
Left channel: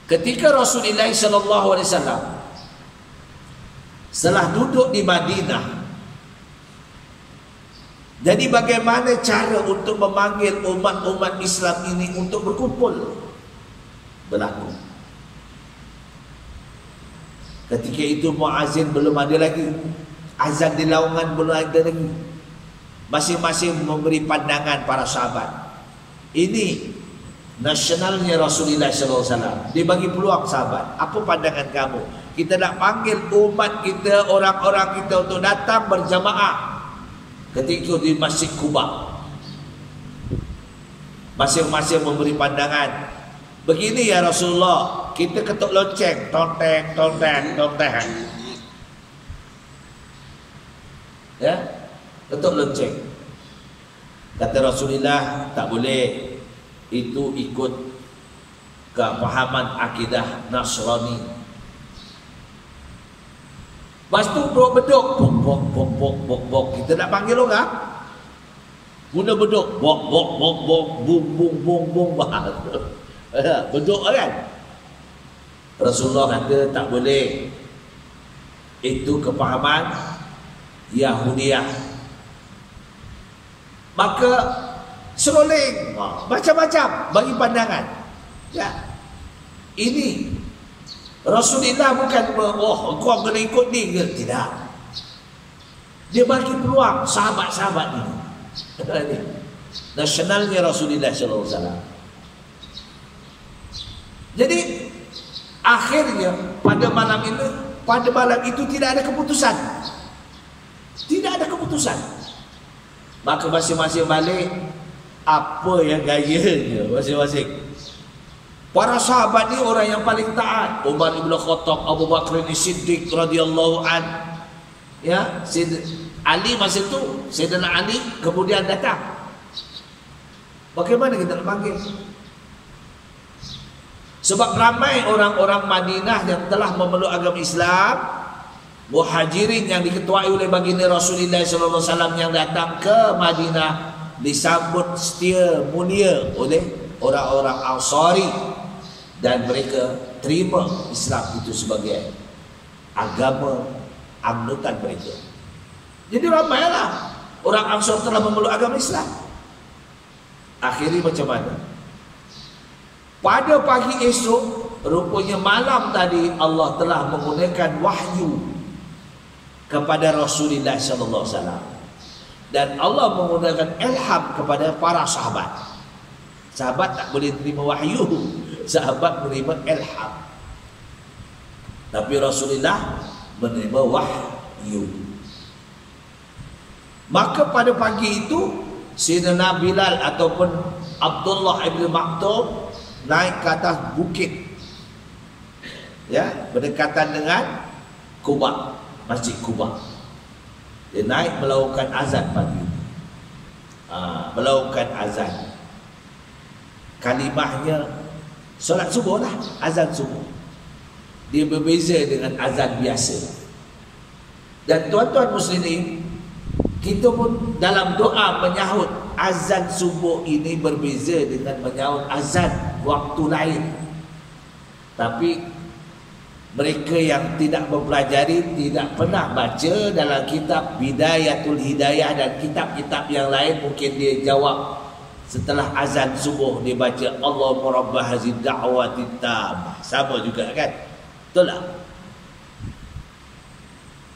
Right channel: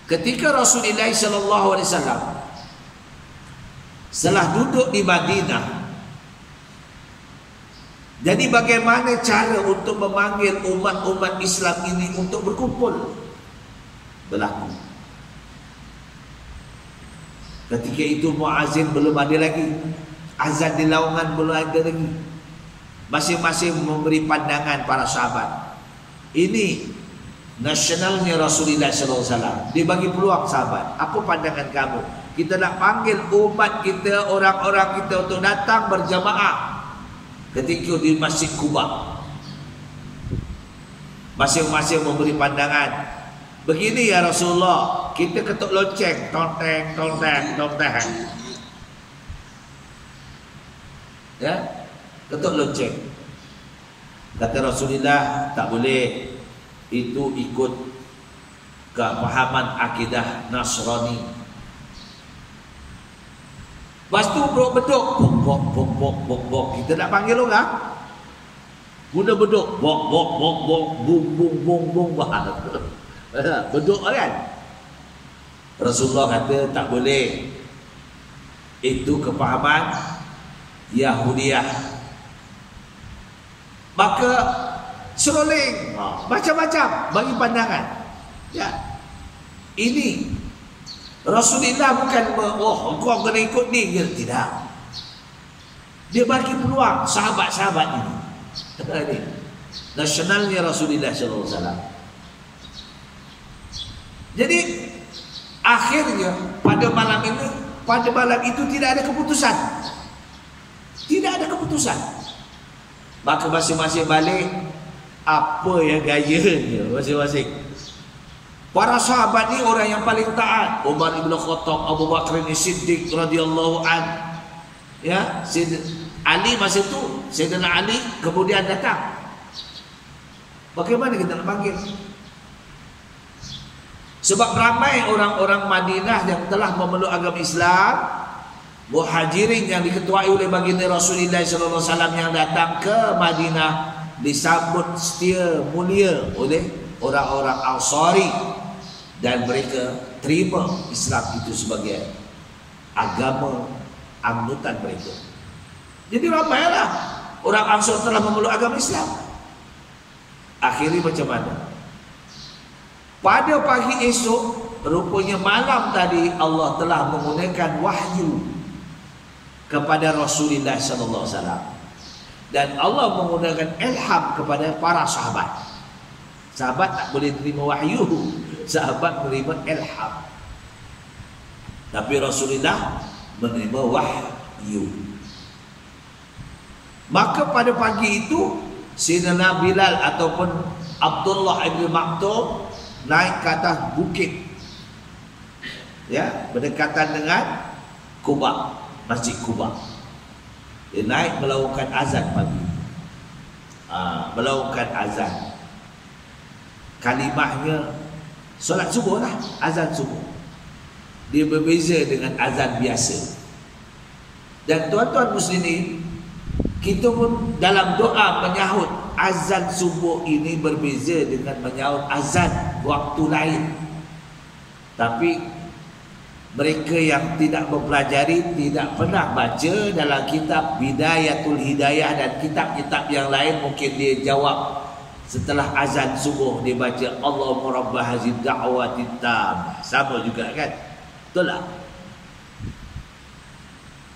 ketika Rasulullah SAW setelah duduk di Madinah, jadi bagaimana cara untuk memanggil umat-umat Islam ini untuk berkumpul? Berlaku. Ketika itu muazzin belum ada lagi, azan di laungan belum ada lagi. Masing-masing memberi pandangan para sahabat. Ini nasionalnya Rasulullah SAW. Dia bagi peluang sahabat. Apa pandangan kamu? Kita nak panggil umat kita, orang-orang kita untuk datang berjamaah ketika di Masjid Quba. Masing-masing memberi pandangan. Begini ya Rasulullah, kita ketuk lonceng, tonteng, tonteng, tonteng. Ya, ketuk lonceng. Kata Rasulullah, tak boleh. Itu ikut kepahaman akidah Nasrani. Lepas tu beduk, bok bok bok bok bok bok. Kita nak panggil orang, guna beduk, bok bok bok bok, bung bung bung bung. Beduk kan? Rasulullah kata tak boleh. Itu kepahaman Yahudiyah. Maka seroling, macam-macam bagi pandangan. Ya, ini Rasulullah bukan kau kena ikut ni ke? Tidak. Dia bagi peluang sahabat-sahabat ini. Nasionalnya Rasulullah SAW. Jadi akhirnya pada malam itu tidak ada keputusan. Tidak ada keputusan. Maka masing-masing balik apa yang gayanya masing-masing. Para sahabat ni orang yang paling taat. Umar ibn Khattab, Abu Bakar Siddiq radhiyallahu an. Ya, Ali masa tu, Sayyidina Ali kemudian datang. Bagaimana kita nak panggil? Sebab ramai orang-orang Madinah yang telah memeluk agama Islam, muhajirin yang diketuai oleh baginda Rasulullah SAW yang datang ke Madinah disambut setia mulia oleh orang-orang Ansari, dan mereka terima Islam itu sebagai agama angkutan mereka. Jadi ramailah orang Ansar telah memeluk agama Islam. Akhirnya macam mana? Pada pagi esok, rupanya malam tadi Allah telah menggunakan wahyu kepada Rasulullah SAW, dan Allah menggunakan ilham kepada para sahabat. Sahabat tak boleh terima wahyu, sahabat menerima ilham. Tapi Rasulullah menerima wahyu. Maka pada pagi itu Sayyidina Bilal ataupun Abdullah ibn Maktum naik ke atas bukit, ya, berdekatan dengan Quba, Masjid Quba. Dia naik melakukan azan pagi. Melakukan azan. Kalimahnya solat subuh lah, azan subuh. Dia berbeza dengan azan biasa. Dan tuan-tuan muslimin, kita pun dalam doa menyahut azan subuh ini berbeza dengan menyahut azan waktu lain. Tapi mereka yang tidak mempelajari, tidak pernah baca dalam kitab Bidayatul Hidayah dan kitab-kitab yang lain, mungkin dia jawab setelah azan subuh dia baca Allahumma rabb hazid da'wati tammah. Sama juga kan? Betul tak?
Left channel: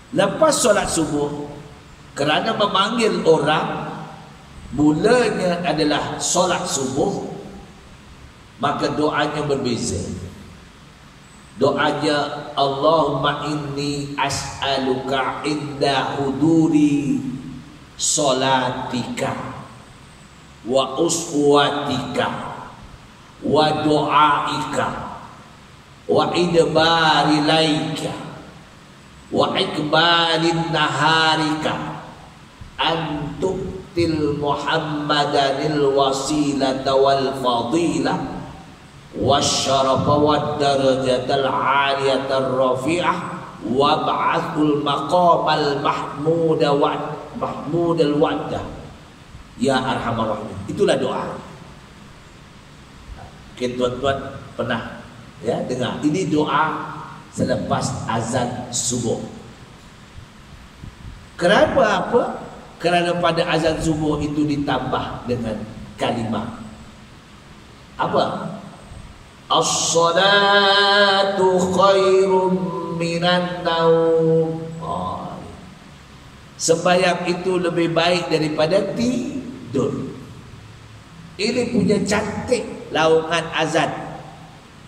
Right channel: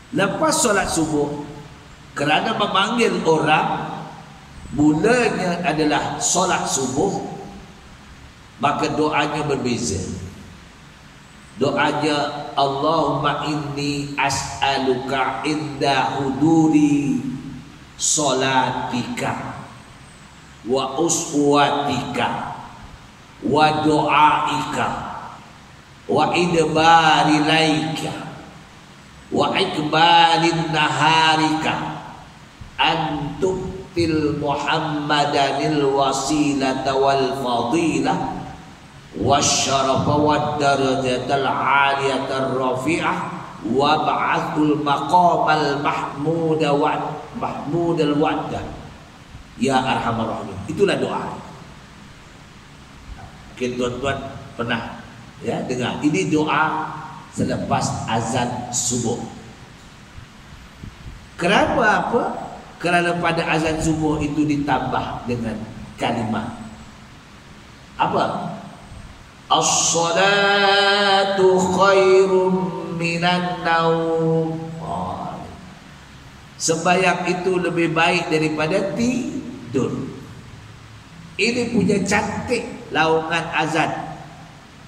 Lepas solat subuh, kerana memanggil orang mulanya adalah solat subuh, maka doanya berbeza. Doanya Allahumma inni as'aluka inda huduri salatika wa uswatika wa doaika wa idbari laika wa ikbalin naharika antuktil muhammadanil wasilata wal fadilah wasyarafa wad darajatal aliyatar rafi'ah wab'athul maqamal mahmudal waddah ya arhamar rahimin. Itulah doa. Mungkin tuan-tuan pernah Ya, dengar. Ini doa selepas azan subuh. Kenapa apa? Kerana pada azan subuh itu ditambah dengan kalimah apa? As-salatu khairum minan naum. Sembahyang itu lebih baik daripada tidur. Ini punya cantik laungan azan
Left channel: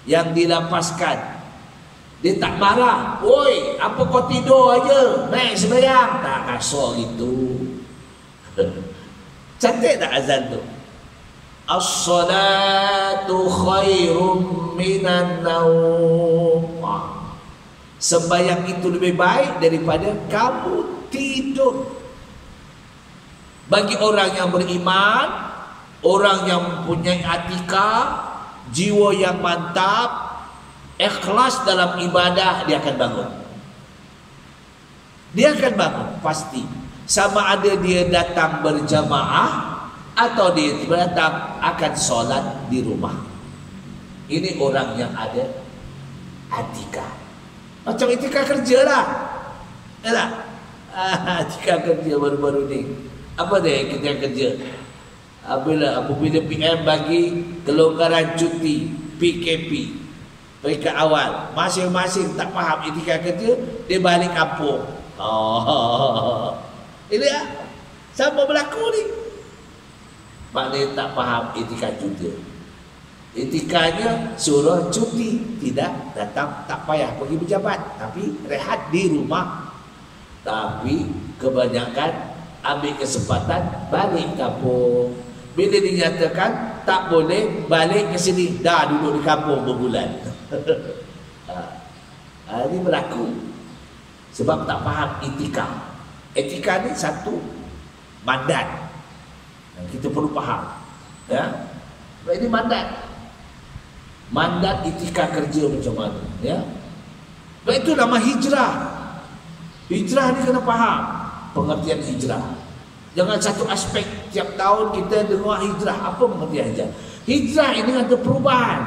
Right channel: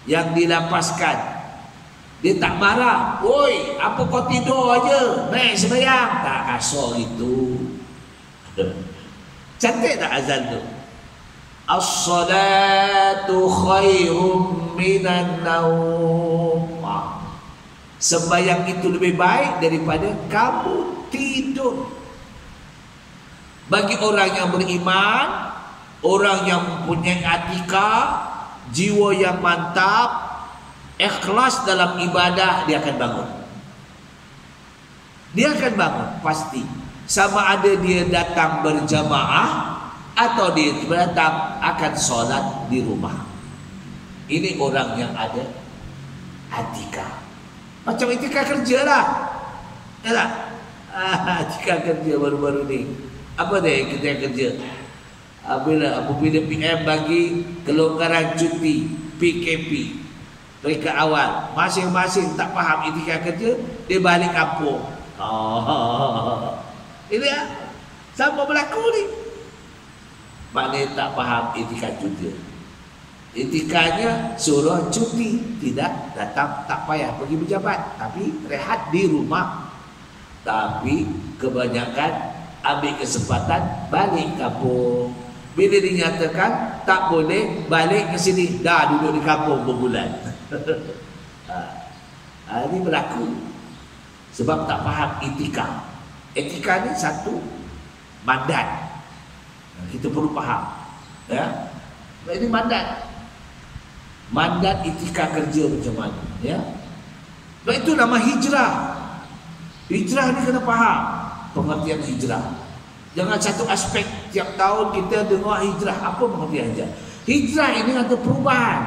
yang dilapaskan. Dia tak marah. Oi, apa kau tidur aja? Naik sembahyang. Tak kasar gitu. Cantik tak azan tu? As-salatu khairum minan naum. Sembahyang itu lebih baik daripada kamu tidur. Bagi orang yang beriman, orang yang mempunyai atikah, jiwa yang mantap, ikhlas dalam ibadah, dia akan bangun. Dia akan bangun pasti. Sama ada dia datang berjamaah atau dia datang akan solat di rumah. Ini orang yang ada atikah. Macam etika kerja lah. Ya tak? Etika kerja baru-baru ni. Apa dia etika kerja? Apabila PM bagi kelonggaran cuti PKP peringkat awal, masing-masing tak faham etika kerja, dia balik kampung. Ini ya, sama berlaku ni. Maknanya tak faham etika kerja. Etikanya suruh cuti, tidak datang, tak payah pergi berjabat, tapi rehat di rumah. Tapi kebanyakan ambil kesempatan balik kampung. Bila dinyatakan tak boleh balik ke sini, dah duduk di kampung berbulan. Ini berlaku sebab tak faham etika. Etika ni satu mandat yang kita perlu faham. Ya, ini mandat. Mandat etika kerja macam mana, ya? Sebab itu nama hijrah. Hijrah ni kena faham pengertian hijrah. Jangan satu aspek tiap tahun kita dengar hijrah. Apa pengertian hijrah? Hijrah ini ada perubahan.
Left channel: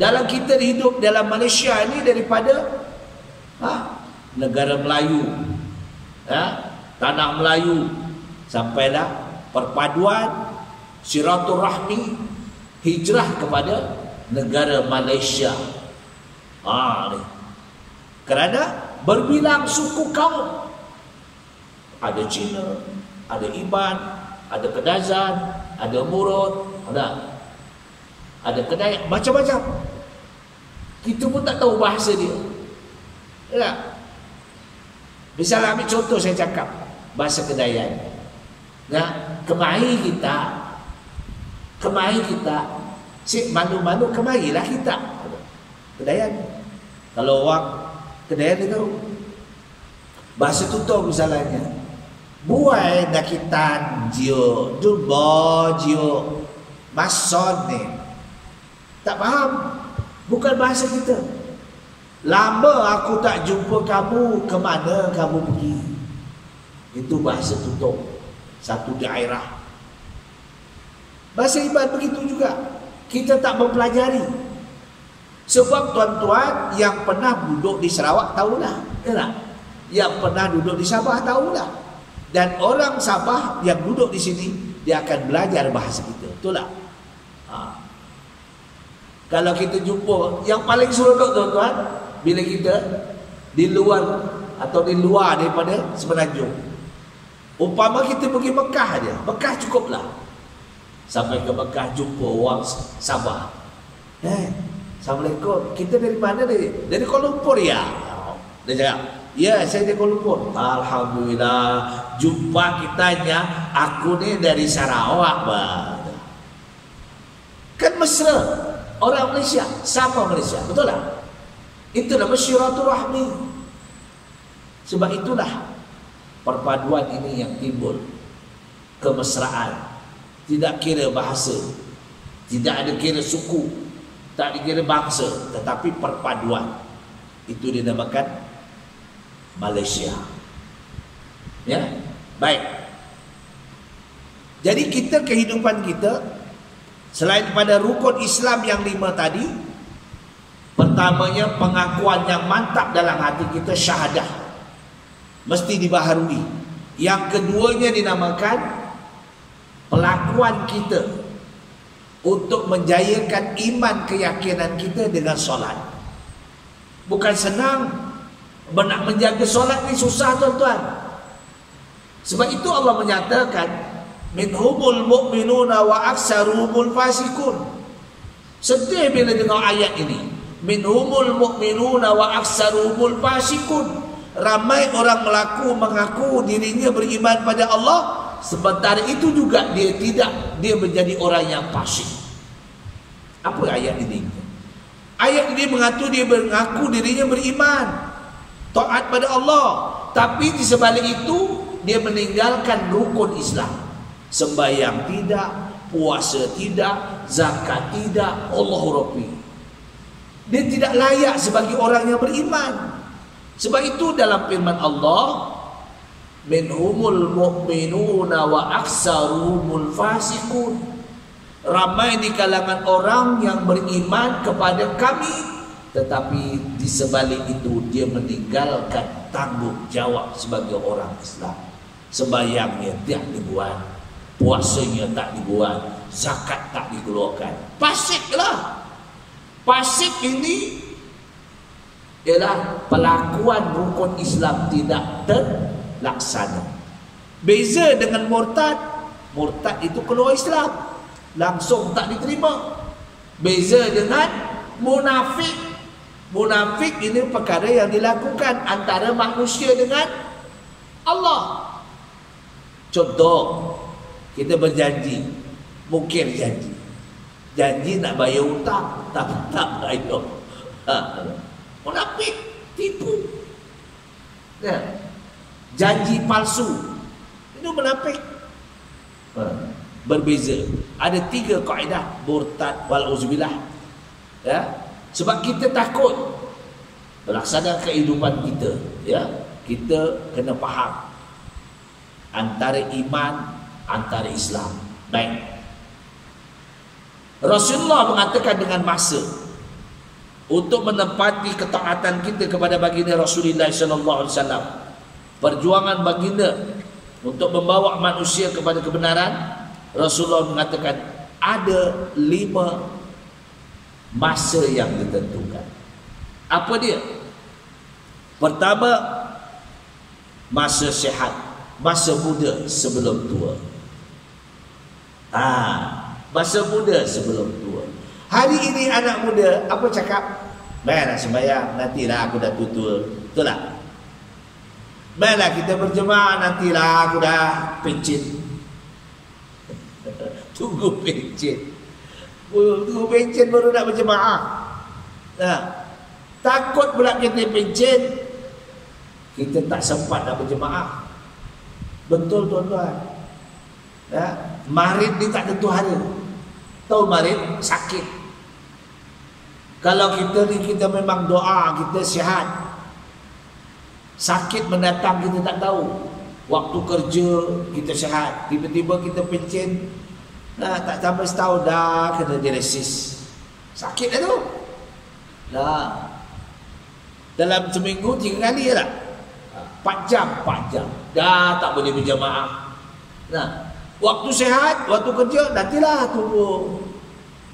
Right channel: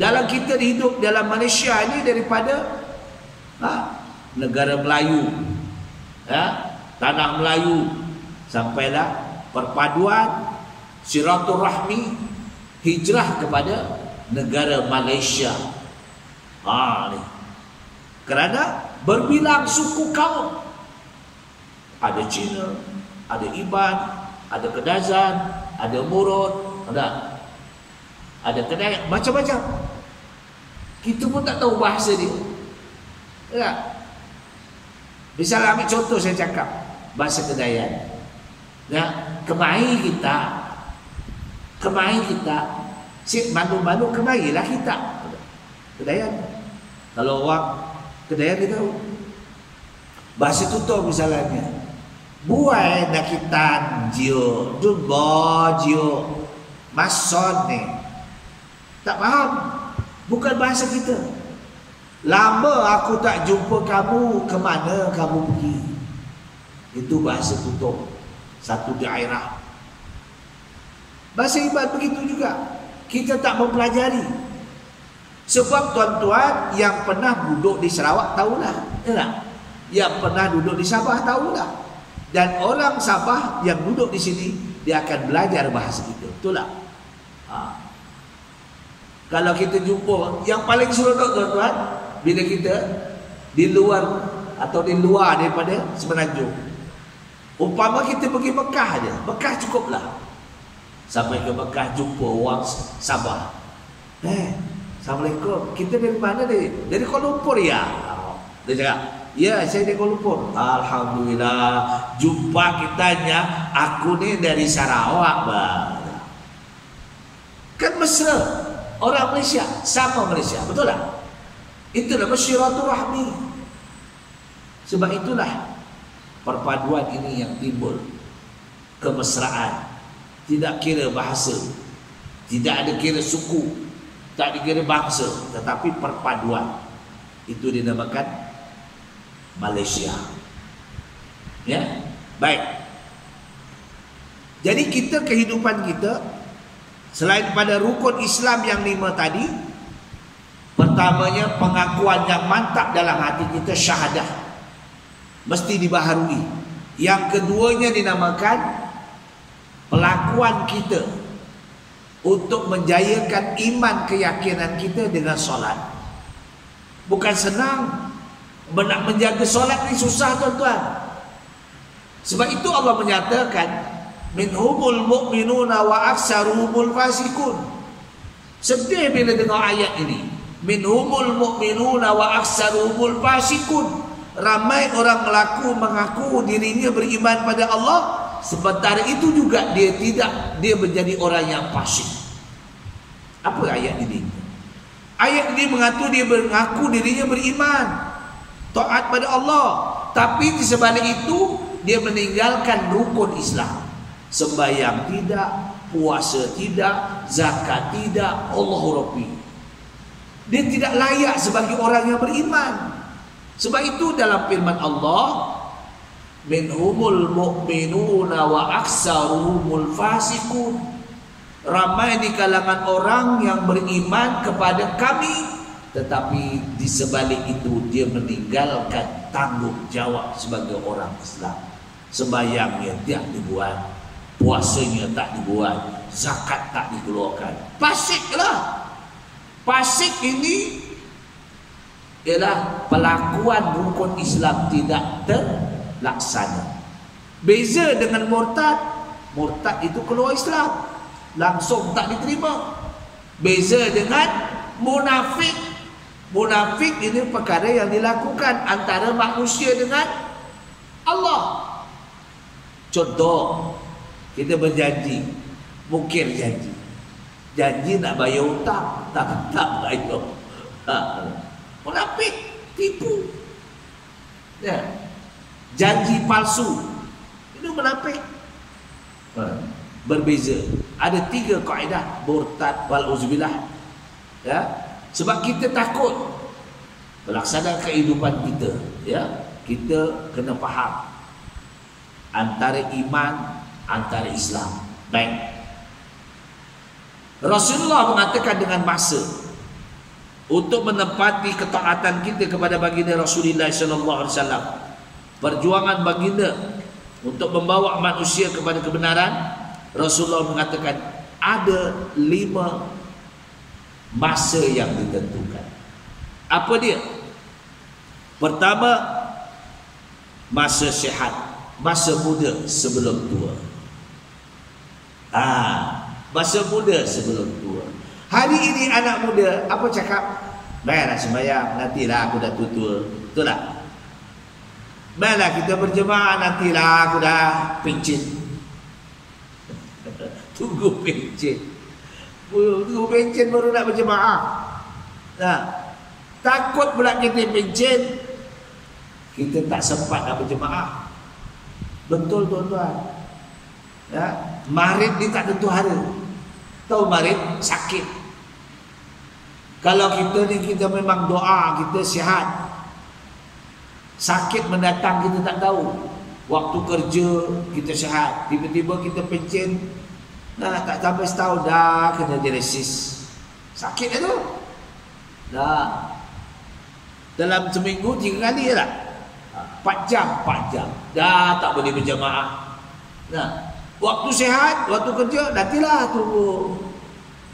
Dalam kita hidup dalam Malaysia ini daripada negara Melayu, tanah Melayu, sampailah perpaduan silaturahmi, hijrah kepada negara Malaysia. Ni. Kerana berbilang suku kaum. Ada Cina, ada Iban, ada Kedazan, ada Murut, ada Kedayak, macam-macam. Kita pun tak tahu bahasa dia. Ya. Misalnya ambil contoh saya cakap bahasa Kedayan. Kemari kita si malu-malu kemarilah kita. Kedayan. Kalau orang Kedayan dia tahu. Bahasa tutur misalnya. Buai nakitan jio, dumbo jio, mason ni. Tak faham. Bukan bahasa kita. Lama aku tak jumpa kamu, ke mana kamu pergi? Itu bahasa tutur. Satu daerah. Bahasa Iban begitu juga. Kita tak mempelajari. Sebab tuan-tuan yang pernah duduk di Sarawak tahulah. Yang pernah duduk di Sabah tahulah. Dan orang Sabah yang duduk di sini, dia akan belajar bahasa kita. Betul tak? Kalau kita jumpa, yang paling seronok tuan-tuan, bila kita di luar atau di luar daripada Semenanjung. Umpama kita pergi Mekah aja, Mekah cukuplah. Sampai ke Mekah jumpa orang Sabah. Assalamualaikum. Kita dari mana ni? Dari Kuala Lumpur ya. Dia cakap, ya saya dari Kuala Lumpur. Alhamdulillah. Jumpa kitanya, aku ni dari Sarawak bah. Kan mesra. Orang Malaysia sama Malaysia, betul tak? Itu nama silaturahmi. Sebab itulah perpaduan ini yang timbul. Kemesraan. Tidak kira bahasa, tidak ada kira suku, tak dikira bangsa, tetapi perpaduan. Itu dinamakan Malaysia. Ya, baik. Jadi kehidupan kita selain pada rukun Islam yang 5 tadi, Pertamanya, pengakuan yang mantap dalam hati kita, syahadah, mesti dibaharui. Yang keduanya dinamakan pelakuan kita untuk menjayakan iman keyakinan kita dengan solat. Bukan senang. Nak menjaga solat ni susah, tuan-tuan. Sebab itu Allah menyatakan, minhumul mu'minuna wa aksaruhumul fasikun. Sedih bila dengar ayat ini. Minhumul mu'minuna wa aksaruhumul fasikun. Ramai orang mengaku dirinya beriman pada Allah, sementara itu juga dia menjadi orang yang fasik. Apa ayat ini? Ayat ini dia mengaku dirinya beriman, taat pada Allah, tapi di sebalik itu dia meninggalkan rukun Islam. Sembahyang tidak, puasa tidak, zakat tidak, Allahu Rabbi. Dia tidak layak sebagai orang yang beriman. Sebab itu dalam firman Allah, minhumul mu'minuna wa aksaruhumul fasikun. Ramai di kalangan orang yang beriman kepada kami, tetapi di sebalik itu dia meninggalkan tanggungjawab sebagai orang Islam. Sembahyangnya tidak dibuat, puasanya tak dibuat, zakat tak dikeluarkan. Fasiklah. Fasik ini ialah pelakuan rukun Islam tidak terlaksana. Beza dengan murtad. Murtad itu keluar Islam, langsung tak diterima. Beza dengan munafik. Munafik ini perkara yang dilakukan antara manusia dengan Allah. Contoh, kita berjanji, mungkir janji. Janji nak bayar hutang, tak bayar. Munafik, tipu. Ya. Janji palsu, itu munafik. Berbeza. Ada 3 kaedah murtad wal uzbillah. Ya. Sebab kita takut melaksanakan kehidupan kita, ya. Kita kena faham antara iman, antara Islam. Baik. Rasulullah mengatakan dengan masa untuk menepati ketaatan kita kepada baginda Rasulullah sallallahu alaihi wasallam. Perjuangan baginda untuk membawa manusia kepada kebenaran, Rasulullah mengatakan ada 5 masa yang ditentukan. Apa dia? Pertama, masa sihat, masa muda sebelum tua. Masa muda sebelum tua. Hari ini anak muda apa cakap? Baiklah sembahyang, nantilah aku dah tua-tua. Betul tak? Baiklah kita berjemaah, nantilah aku dah pencet. Tunggu pencet. Tunggu pencet baru nak berjemaah. Nah, takut pula kita pencet, kita tak sempat nak berjemaah. Betul tuan-tuan. Ya, marid ni tak tentu hari. Tahu marid sakit. Kalau kita memang doa, kita sihat, sakit mendatang kita tak tahu. Waktu kerja kita sihat, tiba-tiba kita pencet, tak sampai setahun dah kena dialisis. Sakit dah tu. Dah. Dalam seminggu 3 kali lah. 4 jam. Dah tak boleh berjamaah. Nah, waktu sehat, waktu kerja, nantilah tunggu.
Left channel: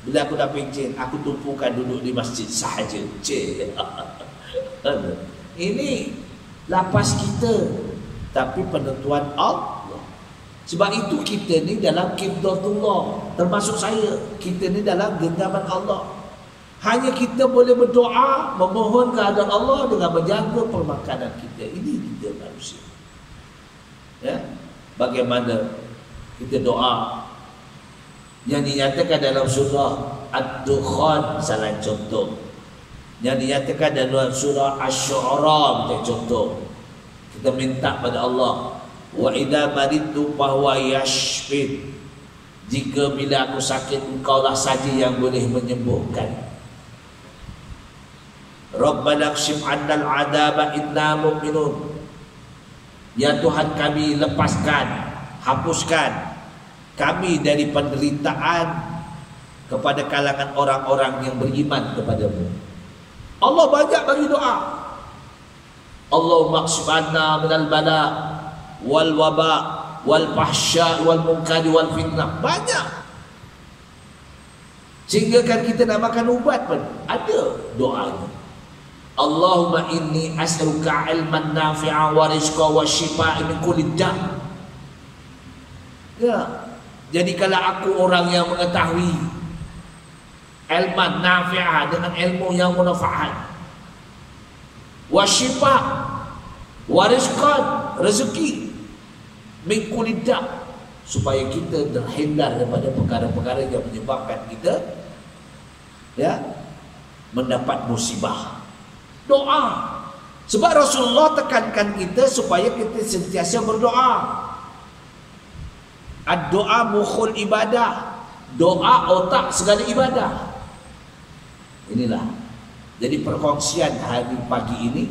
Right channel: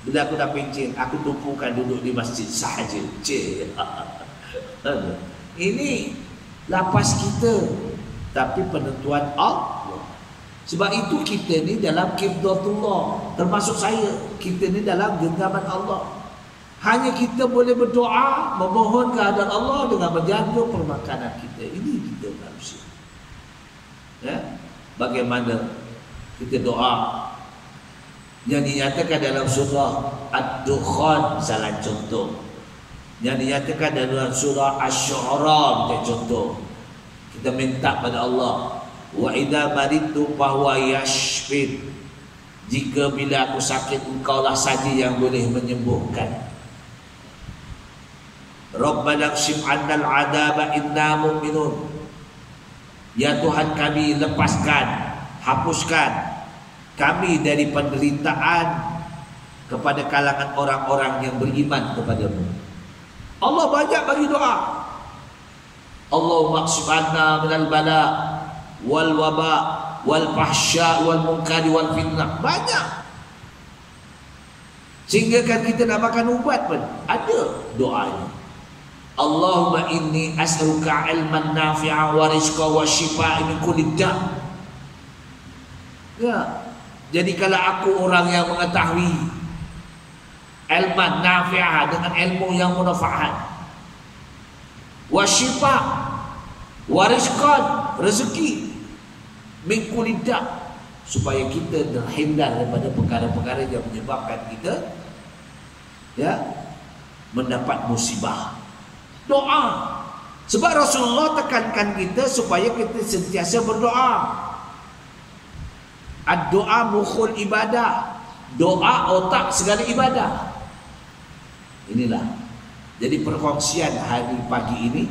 Bila aku dah pencen, aku tumpukan duduk di masjid sahaja. Ini lapas kita, tapi penentuan Allah. Sebab itu kita ni dalam qiblatullah, termasuk saya, kita ni dalam genggaman Allah. Hanya kita boleh berdoa, memohon kehadiran Allah dengan menjaga permakanan kita. Ini kita manusia. Ya? Bagaimana kita doa yang dinyatakan dalam surah Ad-Dukhan, salah contoh. Yang dinyatakan dalam surah Asy-Syu'ara, kita contoh. Kita minta pada Allah, wa idza maridtu fahuwa yashfin. Jika bila aku sakit, engkaulah saja yang boleh menyembuhkan. Rabbana kshif 'annal 'adaba inna mu'minun. Ya Tuhan kami, lepaskan, hapuskan kami dari penderitaan kepada kalangan orang-orang yang beriman kepadamu. Allah banyak bagi doa. Allahumma qsib'anna minal bala wal waba wal fahsya wal munkari wal fitnah. Banyak. Sehingga kan kita nak makan ubat pun ada doanya. Allahumma inni as'aluka ilman nafi'a wa rizqa wa shifa'a min kulli da'. Ya. Jadi kalau aku orang yang mengetahui ilman nafi'ah dengan ilmu yang manfaat, wa shifa' wa rizqan, rezeki, min kulli da', supaya kita terhindar daripada perkara-perkara yang menyebabkan kita mendapat musibah. Doa. Sebab Rasulullah tekankan kita supaya kita sentiasa berdoa. Ad-doa mukhul ibadah. Doa otak segala ibadah. Inilah. Jadi perkongsian hari pagi ini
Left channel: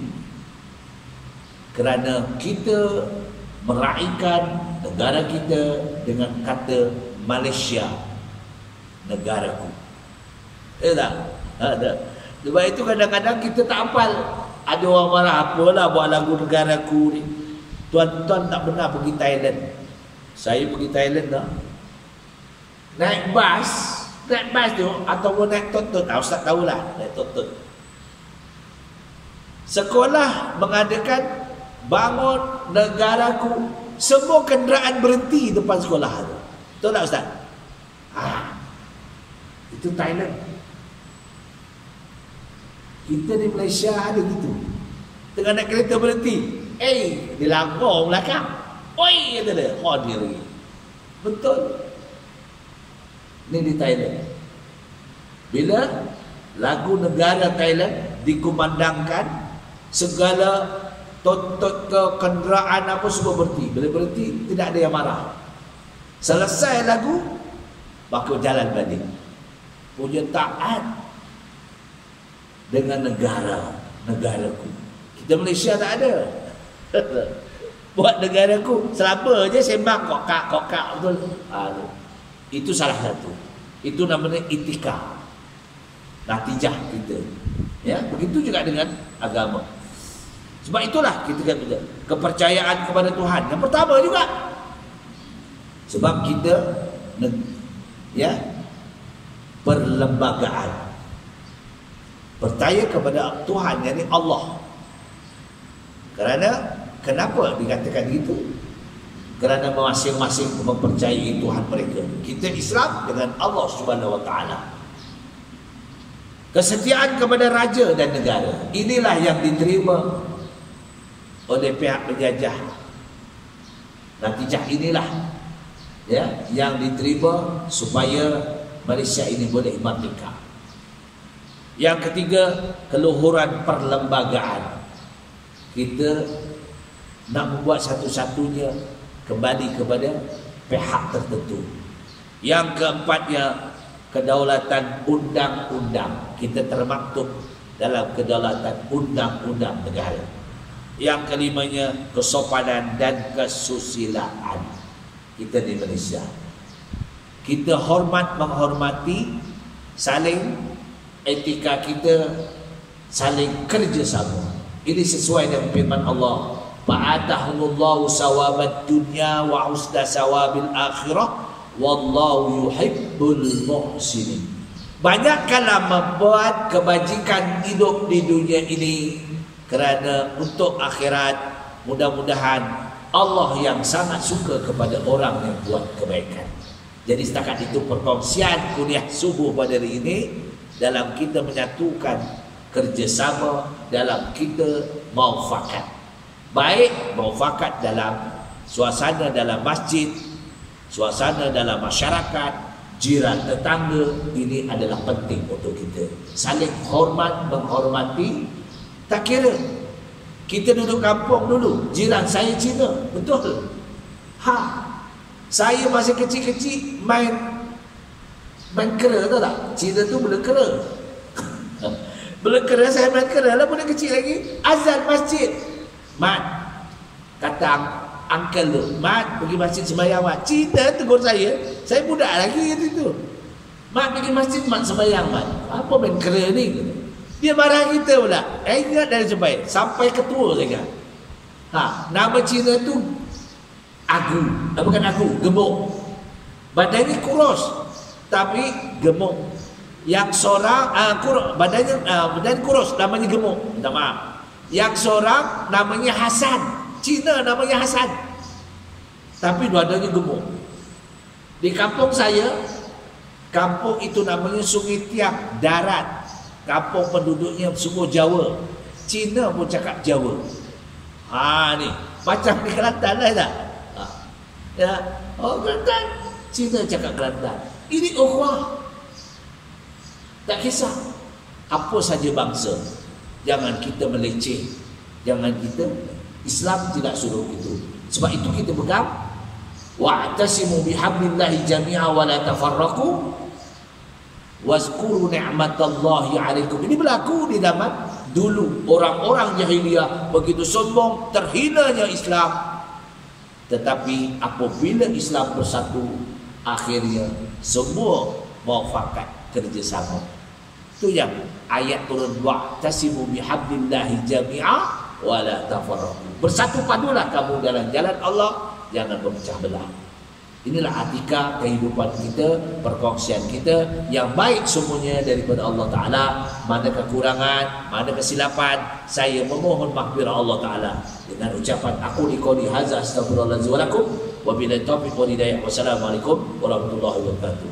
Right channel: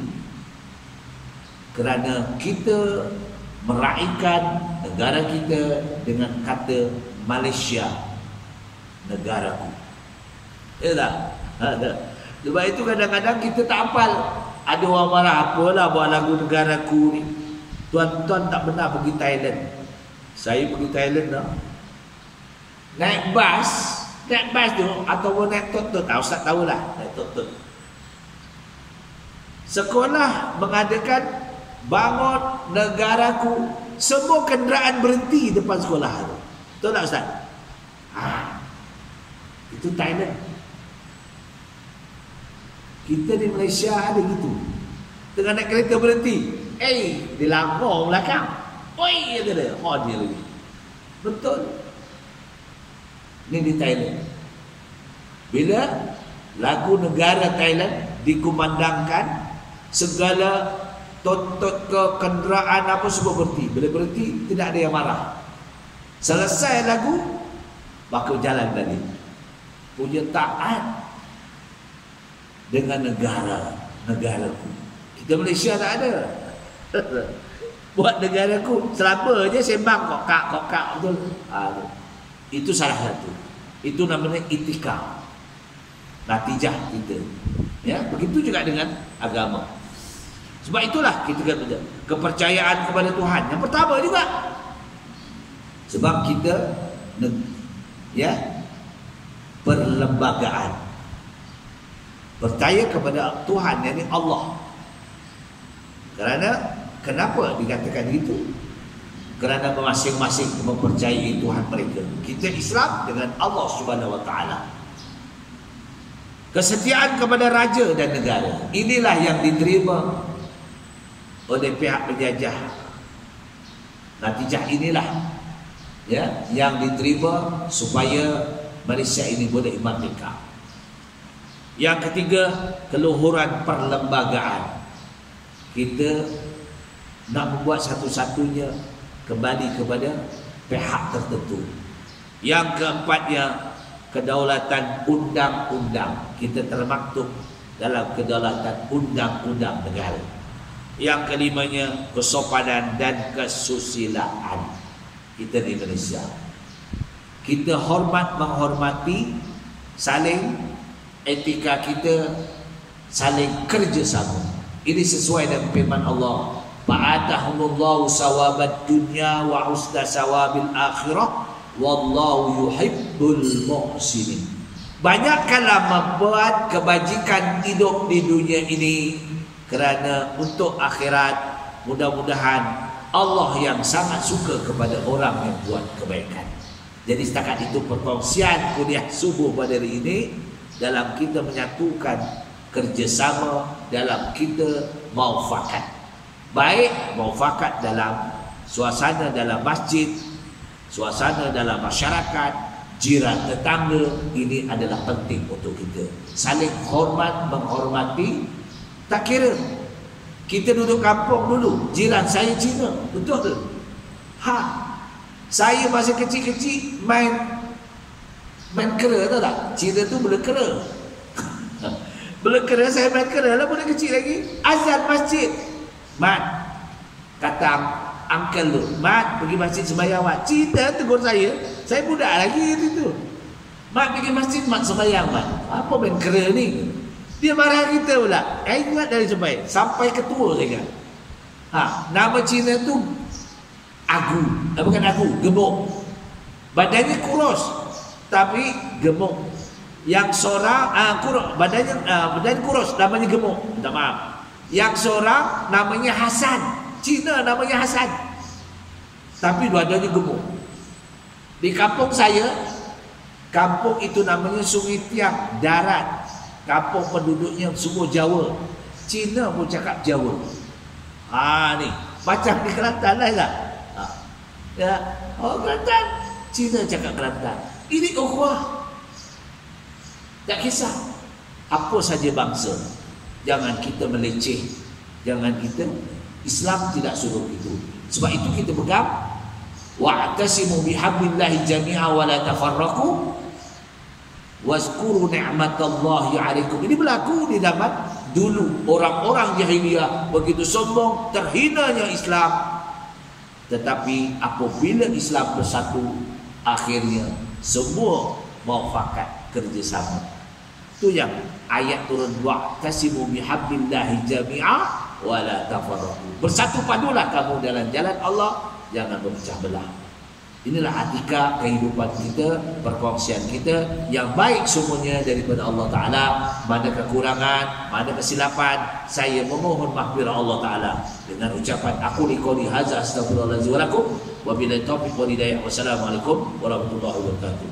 kerana kita meraihkan negara kita dengan kata Malaysia, negaraku. Tak? Ada. Sebab itu kadang-kadang kita tak hafal. Ada orang marah, apalah buat lagu negaraku ni. Tuan-tuan tak pernah pergi Thailand. Saya pergi Thailand dah. Naik bas tu ataupun naik tot-tot. Ustaz tahulah, naik tot-tot. Sekolah mengadakan bangun negaraku. Semua kenderaan berhenti depan sekolah tu. Betul tak Ustaz? Itu Thailand. Kita di Malaysia ada gitu. Tengah naik kereta berhenti. Dilanggar belakang. Oi, kata dia. Dia lagi. Betul. Ini di Thailand. Bila lagu negara Thailand dikumandangkan, segala tot-tot ke kenderaan apa semua berhenti. Bila berhenti, tidak ada yang marah. Selesai lagu, maka jalan balik. Punya taat dengan negaraku. Kita Malaysia tak ada. Buat negaraku, selama je sembang kokak betul. Itu salah satu. Itu namanya itikad. Natijah kita. Ya, begitu juga dengan agama. Sebab itulah kita kata kepercayaan kepada Tuhan. Yang pertama juga. Sebab kita perlembagaan. Percaya kepada Tuhan, yakni Allah. Kenapa dikatakan itu? Kerana masing-masing mempercayai Tuhan mereka. Kita Islam dengan Allah Subhanahu Wa Taala. Kesetiaan kepada raja dan negara. Inilah yang diterima oleh pihak penjajah. Natijah inilah yang diterima supaya Malaysia ini boleh merdeka. Yang ketiga, keluhuran perlembagaan. Kita nak membuat satu-satunya kembali kepada pihak tertentu. Yang keempatnya, kedaulatan undang-undang. Kita termaktub dalam kedaulatan undang-undang negara. Yang kelimanya, kesopanan dan kesusilaan. Kita di Malaysia, kita menghormati, saling etika kita, saling kerjasama. Ini sesuai dengan firman Allah, fa'atahumullahu sawabad dunya wa husna sawabil akhirah wallahu yuhibbul muhsinin. Banyakkanlah membuat kebajikan hidup di dunia ini kerana untuk akhirat mudah-mudahan Allah yang sangat suka kepada orang yang buat kebaikan. Jadi setakat itu perkongsian kuliah subuh pada hari ini dalam kita menyatukan kerjasama, dalam kita maufakat. Baik maufakat dalam suasana dalam masjid, suasana dalam masyarakat, jiran tetangga. Ini adalah penting untuk kita saling hormat, menghormati. Tak kira kita duduk kampung dulu, jiran saya Cina, betul. Saya masa kecil-kecil main kera, tahu tak? Cina tu bela kera. Bela kera, saya main kera lah budak kecil lagi. Azan masjid, Mat, kata uncle tu, Mat pergi masjid sembahyang Mat. Cina tegur saya budak lagi tu. Mat pergi masjid, Mat sembahyang Mat. Apa main kera ni? Dia marah kita pula. Ingat dari sampai ketua saya kan. Nama Cina tu Agu, bukan Agu, gemuk. Badannya kurus tapi gemuk. Yang seorang badannya kurus, namanya gemuk. Minta maaf. Yang seorang namanya Hasan. Cina namanya Hasan. Tapi dua-duanya gemuk. Di kampung saya, kampung itu namanya Sungai Tiang, darat. Kampung penduduknya semua Jawa. Cina pun cakap Jawa. Ni macam di Kelantan lah tak? Ya, Kelantan. Cina cakap Kelantan. Ini ukhuwah. Tak kisah apa saja bangsa. Jangan kita meleceh. Jangan kita, Islam tidak suruh itu. Sebab itu kita pegang wa'tasimu bihablillahi jami'a wa la tafarraqu wazkuru ni'matallahi 'alaikum. Ini berlaku di zaman dulu. Orang-orang jahiliyah begitu sombong, terhinanya Islam. Tetapi apabila Islam bersatu, akhirnya semua muafakat, kerjasama. Itu yang ayat turun, wa'tasimu bihablillahi jami'a wa la tafarraqu. Bersatu padulah kamu dalam jalan Allah, jangan berpecah belah. Inilah atika kehidupan kita, perkongsian kita yang baik semuanya daripada Allah Ta'ala. Mana kekurangan, mana kesilapan, saya memohon maghfirah Allah Ta'ala dengan ucapan aku liqauli hadza astaghfirullahaladzim wa lakum wa billahi taufiq wal hidayah. Wassalamualaikum warahmatullahi wabarakatuh.